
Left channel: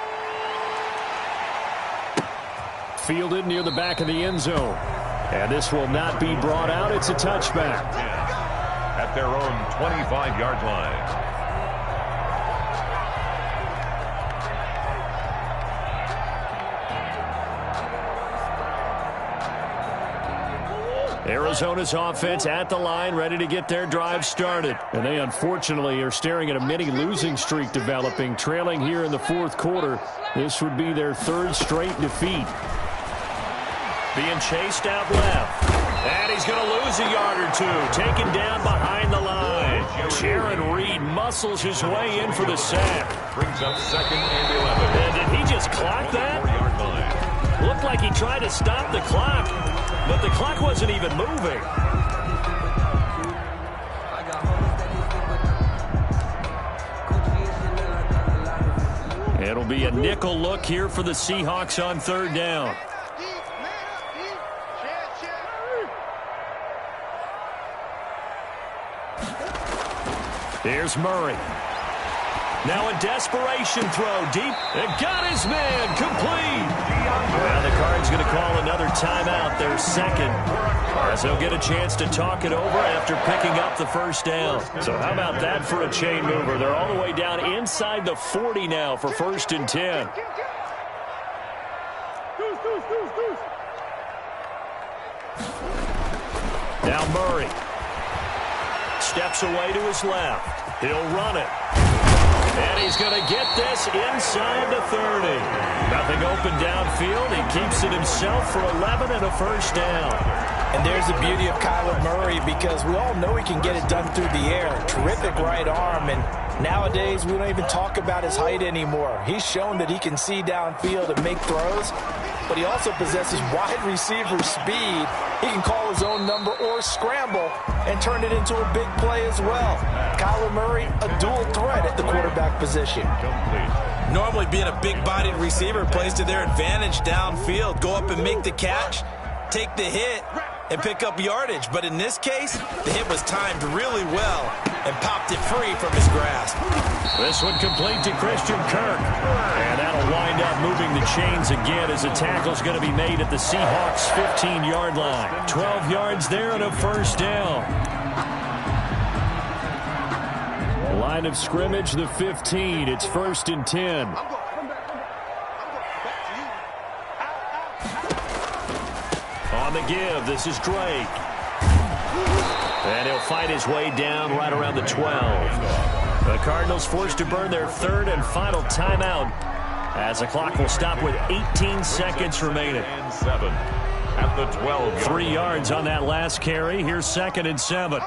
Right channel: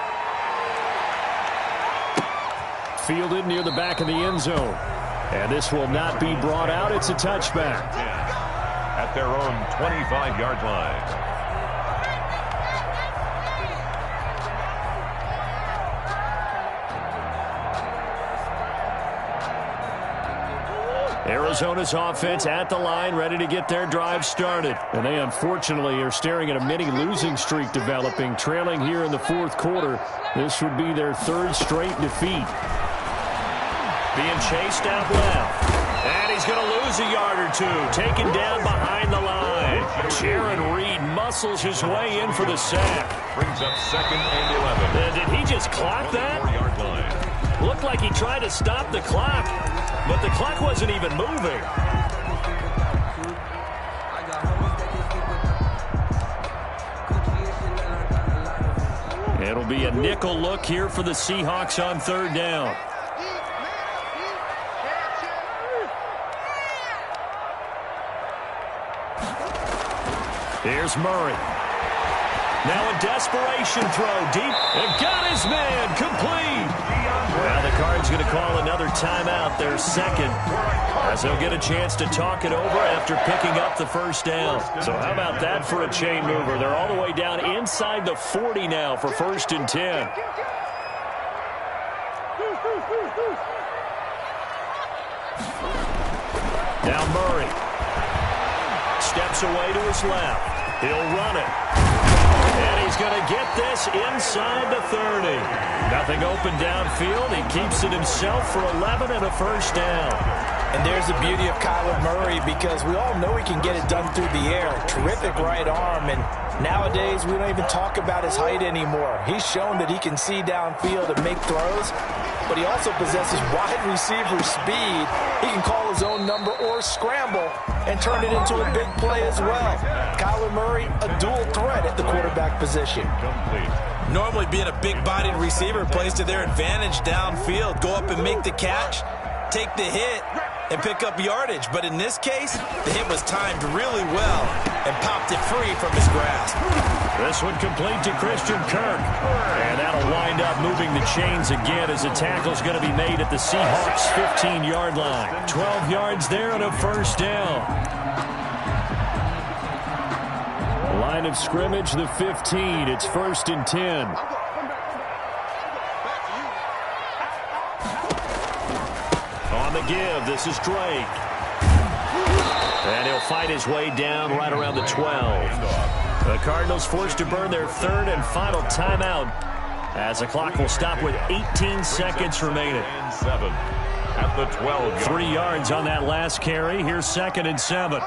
Fielded near the back of the end zone. And this will not be brought out. It's a touchback. At their own 25-yard line. Arizona's offense at the line, ready to get their drive started. And they, unfortunately, are staring at a mini losing streak developing, trailing here in the 4th quarter. This would be their 3rd straight defeat. Being chased out left. And he's going to lose a yard or 2. Taken down behind the line. Jaron Reed muscles his way in for the sack. Brings up 2nd and 11. And did he just clock that? 4-yard line. Looked like he tried to stop the clock, but the clock wasn't even moving. It'll be a nickel look here for the Seahawks on 3rd down. Here's Murray. Now a desperation throw deep. And got his man complete. Well, the Cards going to call another timeout, their 2nd, as they'll get a chance to talk it over after picking up the 1st down. So how about that for a chain mover? They're all the way down inside the 40 now for 1st and 10. Now Murray steps away to his left. He'll run it. And he's going to get this inside the 30. Nothing open downfield. He keeps it himself for 11 and a 1st down. And there's the beauty of Kyler Murray, because we all know he can get it done through the air. Terrific right arm, and nowadays we don't even talk about his height anymore. He's shown that he can see downfield and make throws, but he also possesses wide receiver speed. He can call his own number or scramble and turn it into a big play as well. Kyler Murray, a dual threat at the quarterback position. Complete. Normally being a big-bodied receiver plays to their advantage downfield. Go up and make the catch, take the hit, and pick up yardage. But in this case, the hit was timed really well and popped it free from his grasp. This one complete to Christian Kirk. And that'll wind up moving the chains again as the tackle's going to be made at the Seahawks' 15-yard line. 12 yards there and a 1st down. Line of scrimmage, the 15. It's 1st and 10. On the give, this is Drake. And he'll fight his way down right around the 12. The Cardinals forced to burn their 3rd and final timeout as the clock will stop with 18 seconds remaining. And 7 at the 12. 3 yards on that last carry. Here's 2nd and 7.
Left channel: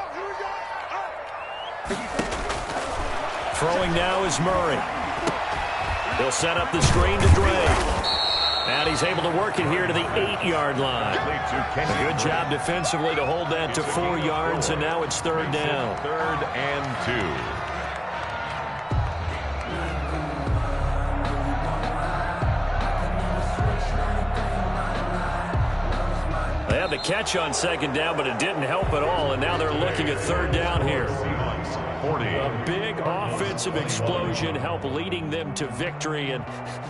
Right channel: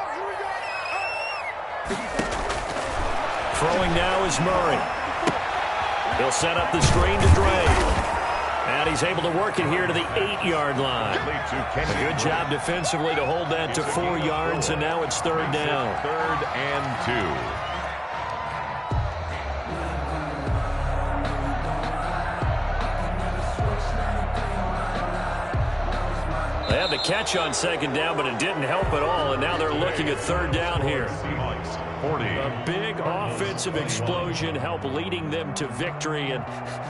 Throwing now is Murray. He'll set up the screen to Drake. And he's able to work it here to the 8-yard line. A good job defensively to hold that to 4 yards, and now it's 3rd down. 3rd and 2. They had the catch on 2nd down, but it didn't help at all, and now they're looking at 3rd down here. 40. A big offensive explosion helped leading them to victory, and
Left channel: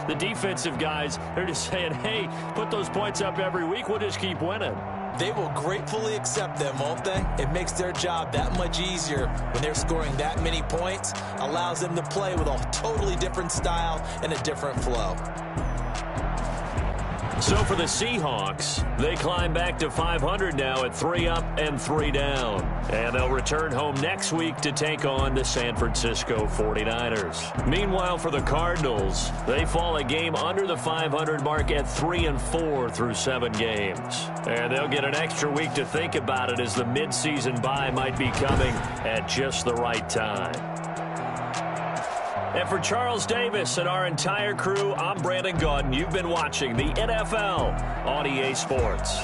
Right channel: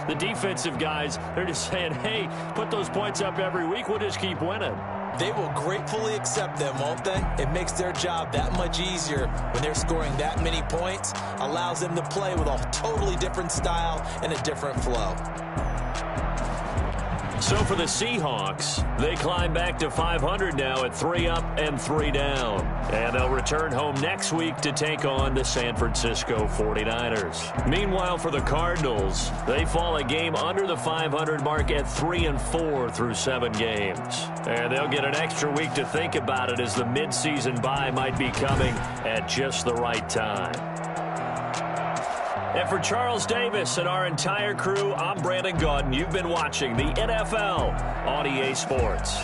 the defensive guys, they're just saying, hey, put those points up every week, we'll just keep winning. They will gratefully accept them, won't they? It makes their job that much easier when they're scoring that many points, allows them to play with a totally different style and a different flow. So for the Seahawks, they climb back to 500 now at 3 up and 3 down. And they'll return home next week to take on the San Francisco 49ers. Meanwhile, for the Cardinals, they fall a game under the 500 mark at 3-4 through 7 games. And they'll get an extra week to think about it as the midseason bye might be coming at just the right time. And for Charles Davis and our entire crew, I'm Brandon Gaudin. You've been watching the NFL on EA Sports.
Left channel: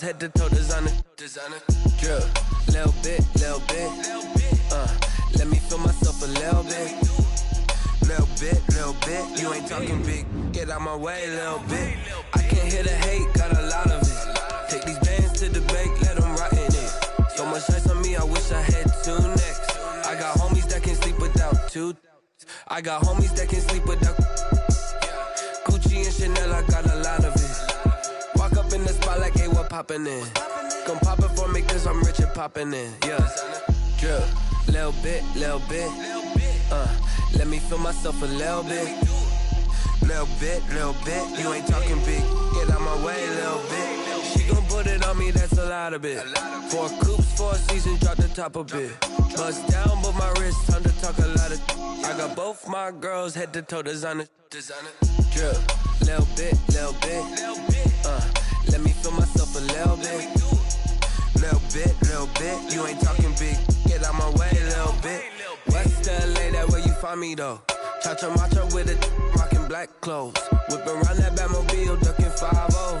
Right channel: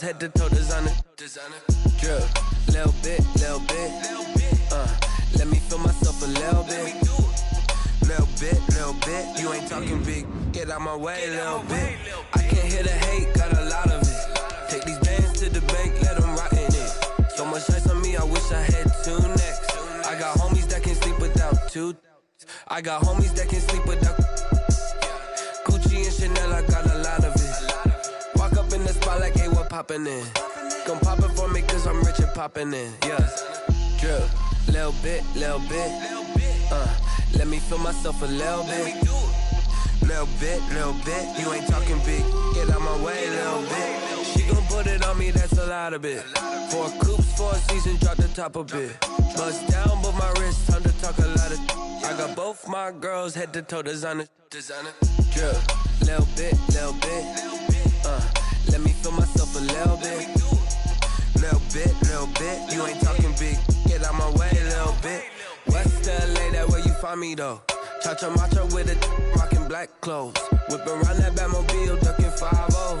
Head to toe designer, drip, little bit, let me feel myself a little bit, you ain't talking big, get out my way a little bit, I can't hear the hate, got a lot of it, take these bands to the bank, let them rot in it, so much ice on me, I wish I had 2 necks, I got homies that can sleep without 2, I got homies that can sleep without, Gucci and Chanel, I got a lot of it. Walk up in the spot like, hey, what poppin' in? Gon' pop it for me cause I'm rich and poppin' in, yeah. Drip, little bit, let me feel myself a little bit. Little bit, you ain't talking big, get out my way a little bit. She gon' put it on me, that's a lot of it. 4 coops, 4 seasons, drop the top a bit. Bust down, but my wrist, time to talk a lot of. I got both my girls, head to toe designer. Drip, little bit, let me feel myself a little bit. Little bit, you ain't talking big, get out my way a little bit. West LA, that where you find me though. Cha-cha macha with a rockin' black clothes. Whip around that Batmobile, ducking 5-0.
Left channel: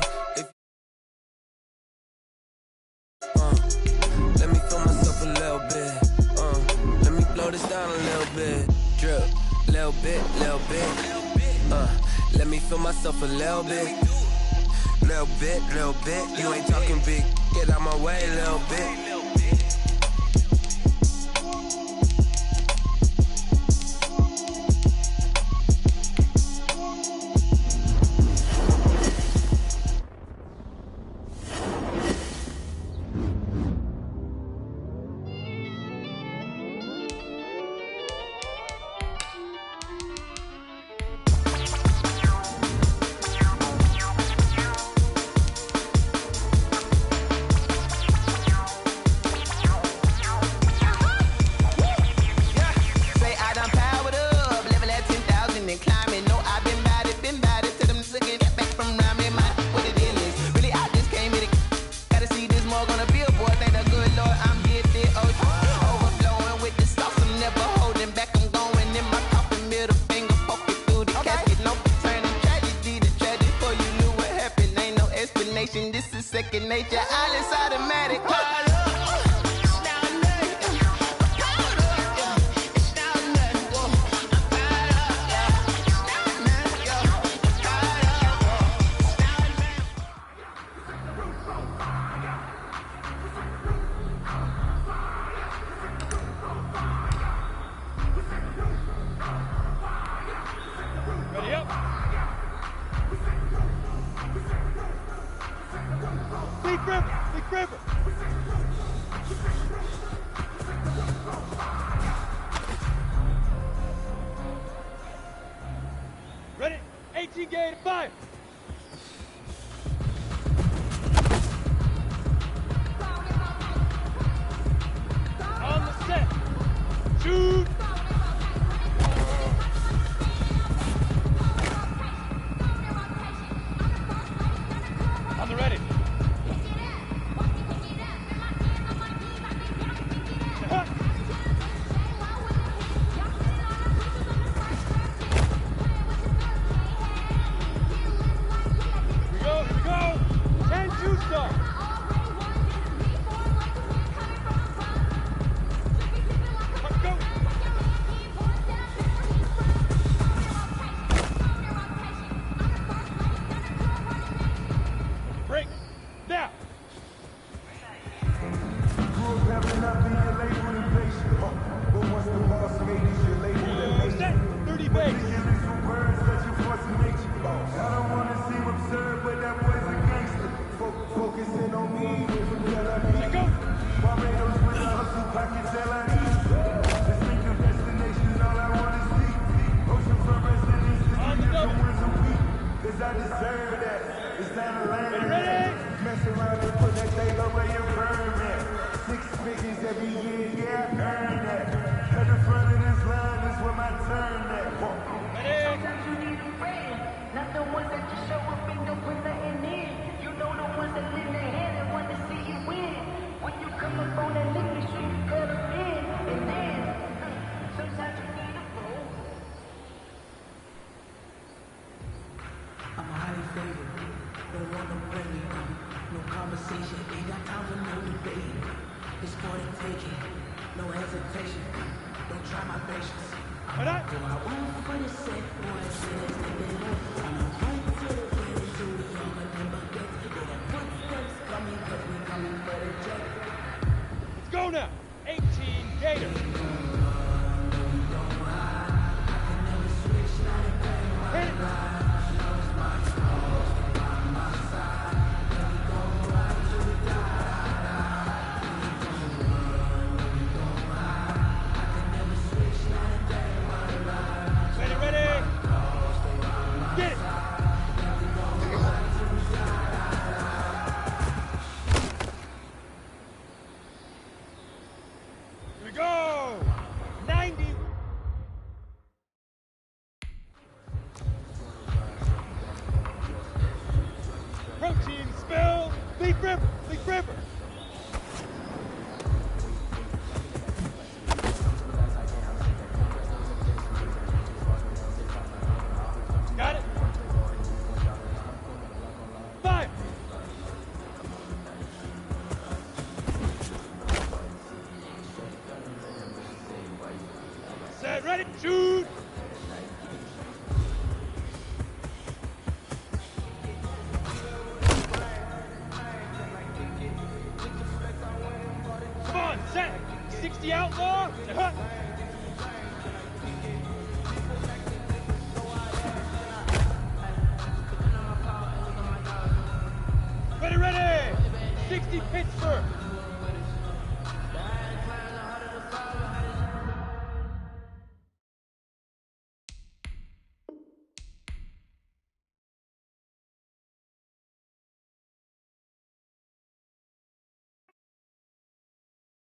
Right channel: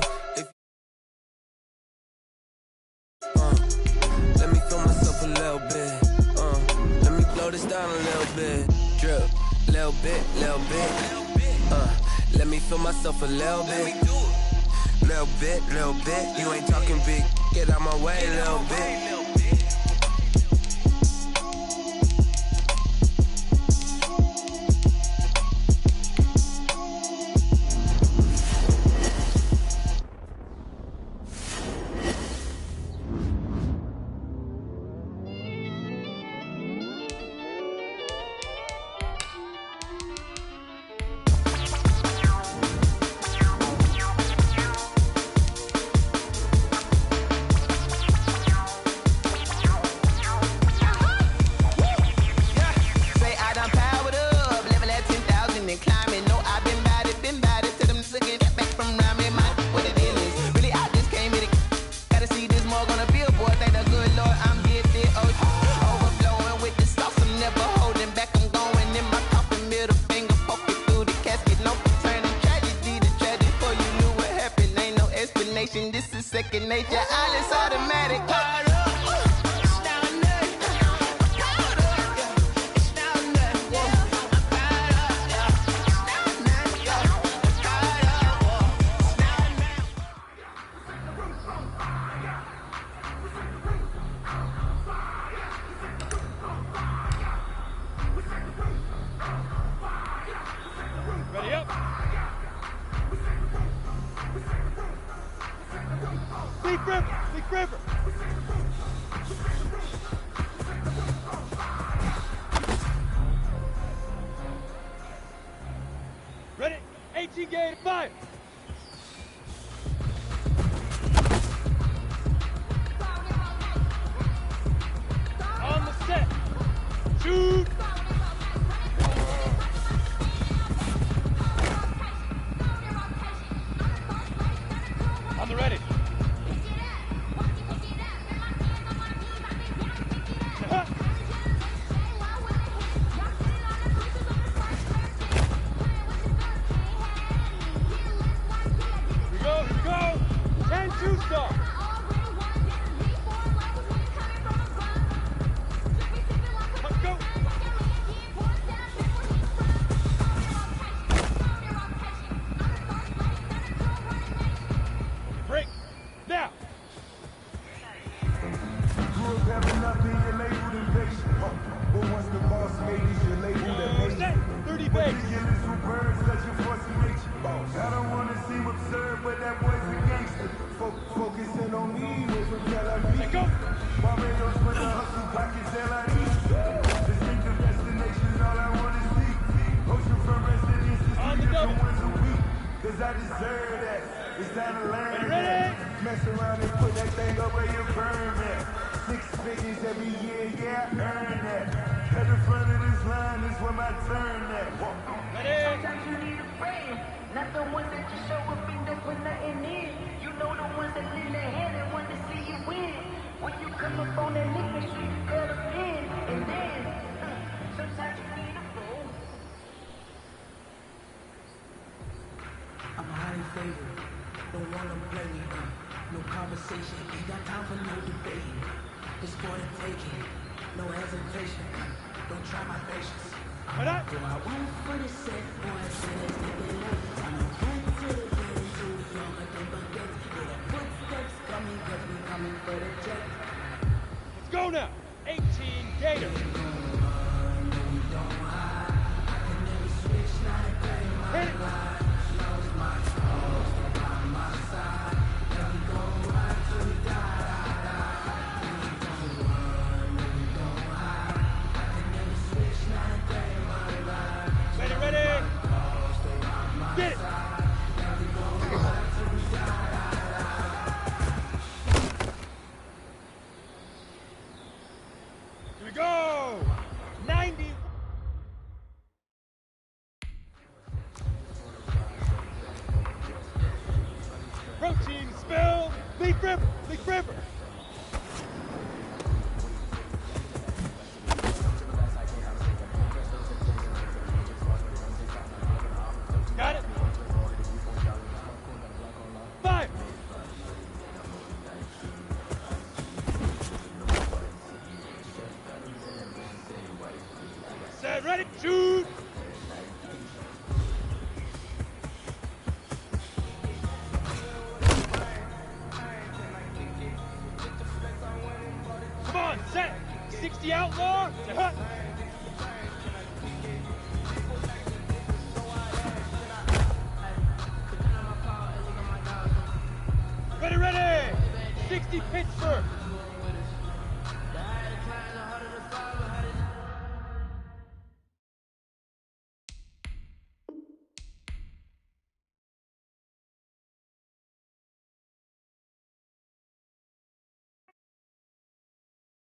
Let me feel myself a little bit. Let me blow this down a little bit. Drip, little bit. Let me feel myself a little bit. Little bit, you ain't talking big, get out my way a little bit. This is second nature, all is automatic. Ready up. Big River. Stepping up in your labeled impatient. But once the boss made it, your label that made it. 30 base. Ridiculous with words, such a force of nature. I don't wanna seem absurd, but that boy's a gangster. Focusing on me, way from Tel Aviv. Barbados with the hustle, pockets LIE. Distinctive destinations, all I wanna see. Oceanfront residences, 3 different ones a week. Cause I deserve that. It's time to learn that. Mess around and put that thing up where you burn that. 6 figures every year, yeah, I earn that. At the front of this line is where my turn at. Sometimes you need a friend, not the ones that just show up and don't put nothing in. You know the ones that lend their hand and want to see you win. When you come up on that lick, make sure you cut them in. And then, sometimes you need a fool. I'm highly favored, don't wanna play me. No conversation, ain't got time for no debate. It's for the taking, no hesitation. Don't try my patience. I won't for the set, boy, say let's take it left. I'm a run to the ready to the younger than buckets. With the footsteps coming, cause we coming for the check. Let's go now. 18 Gator. We gon' run, no, we don't hide. I can never switch, not a thing in my life. Knows my cause, stay by my side. And we gon' ride till we die. We gon' run, no, we don't hide. I can never switch, not a thing in my life. Ready, ready. Get it. And we gon' ride till we die. Here we go. 90. Protein spill. Leaf River. Leaf River. Got it. 5. Set, ready, shoot. Come on, set. 60 outlaw. Hut. Ready, ready. 60 Pittsburgh.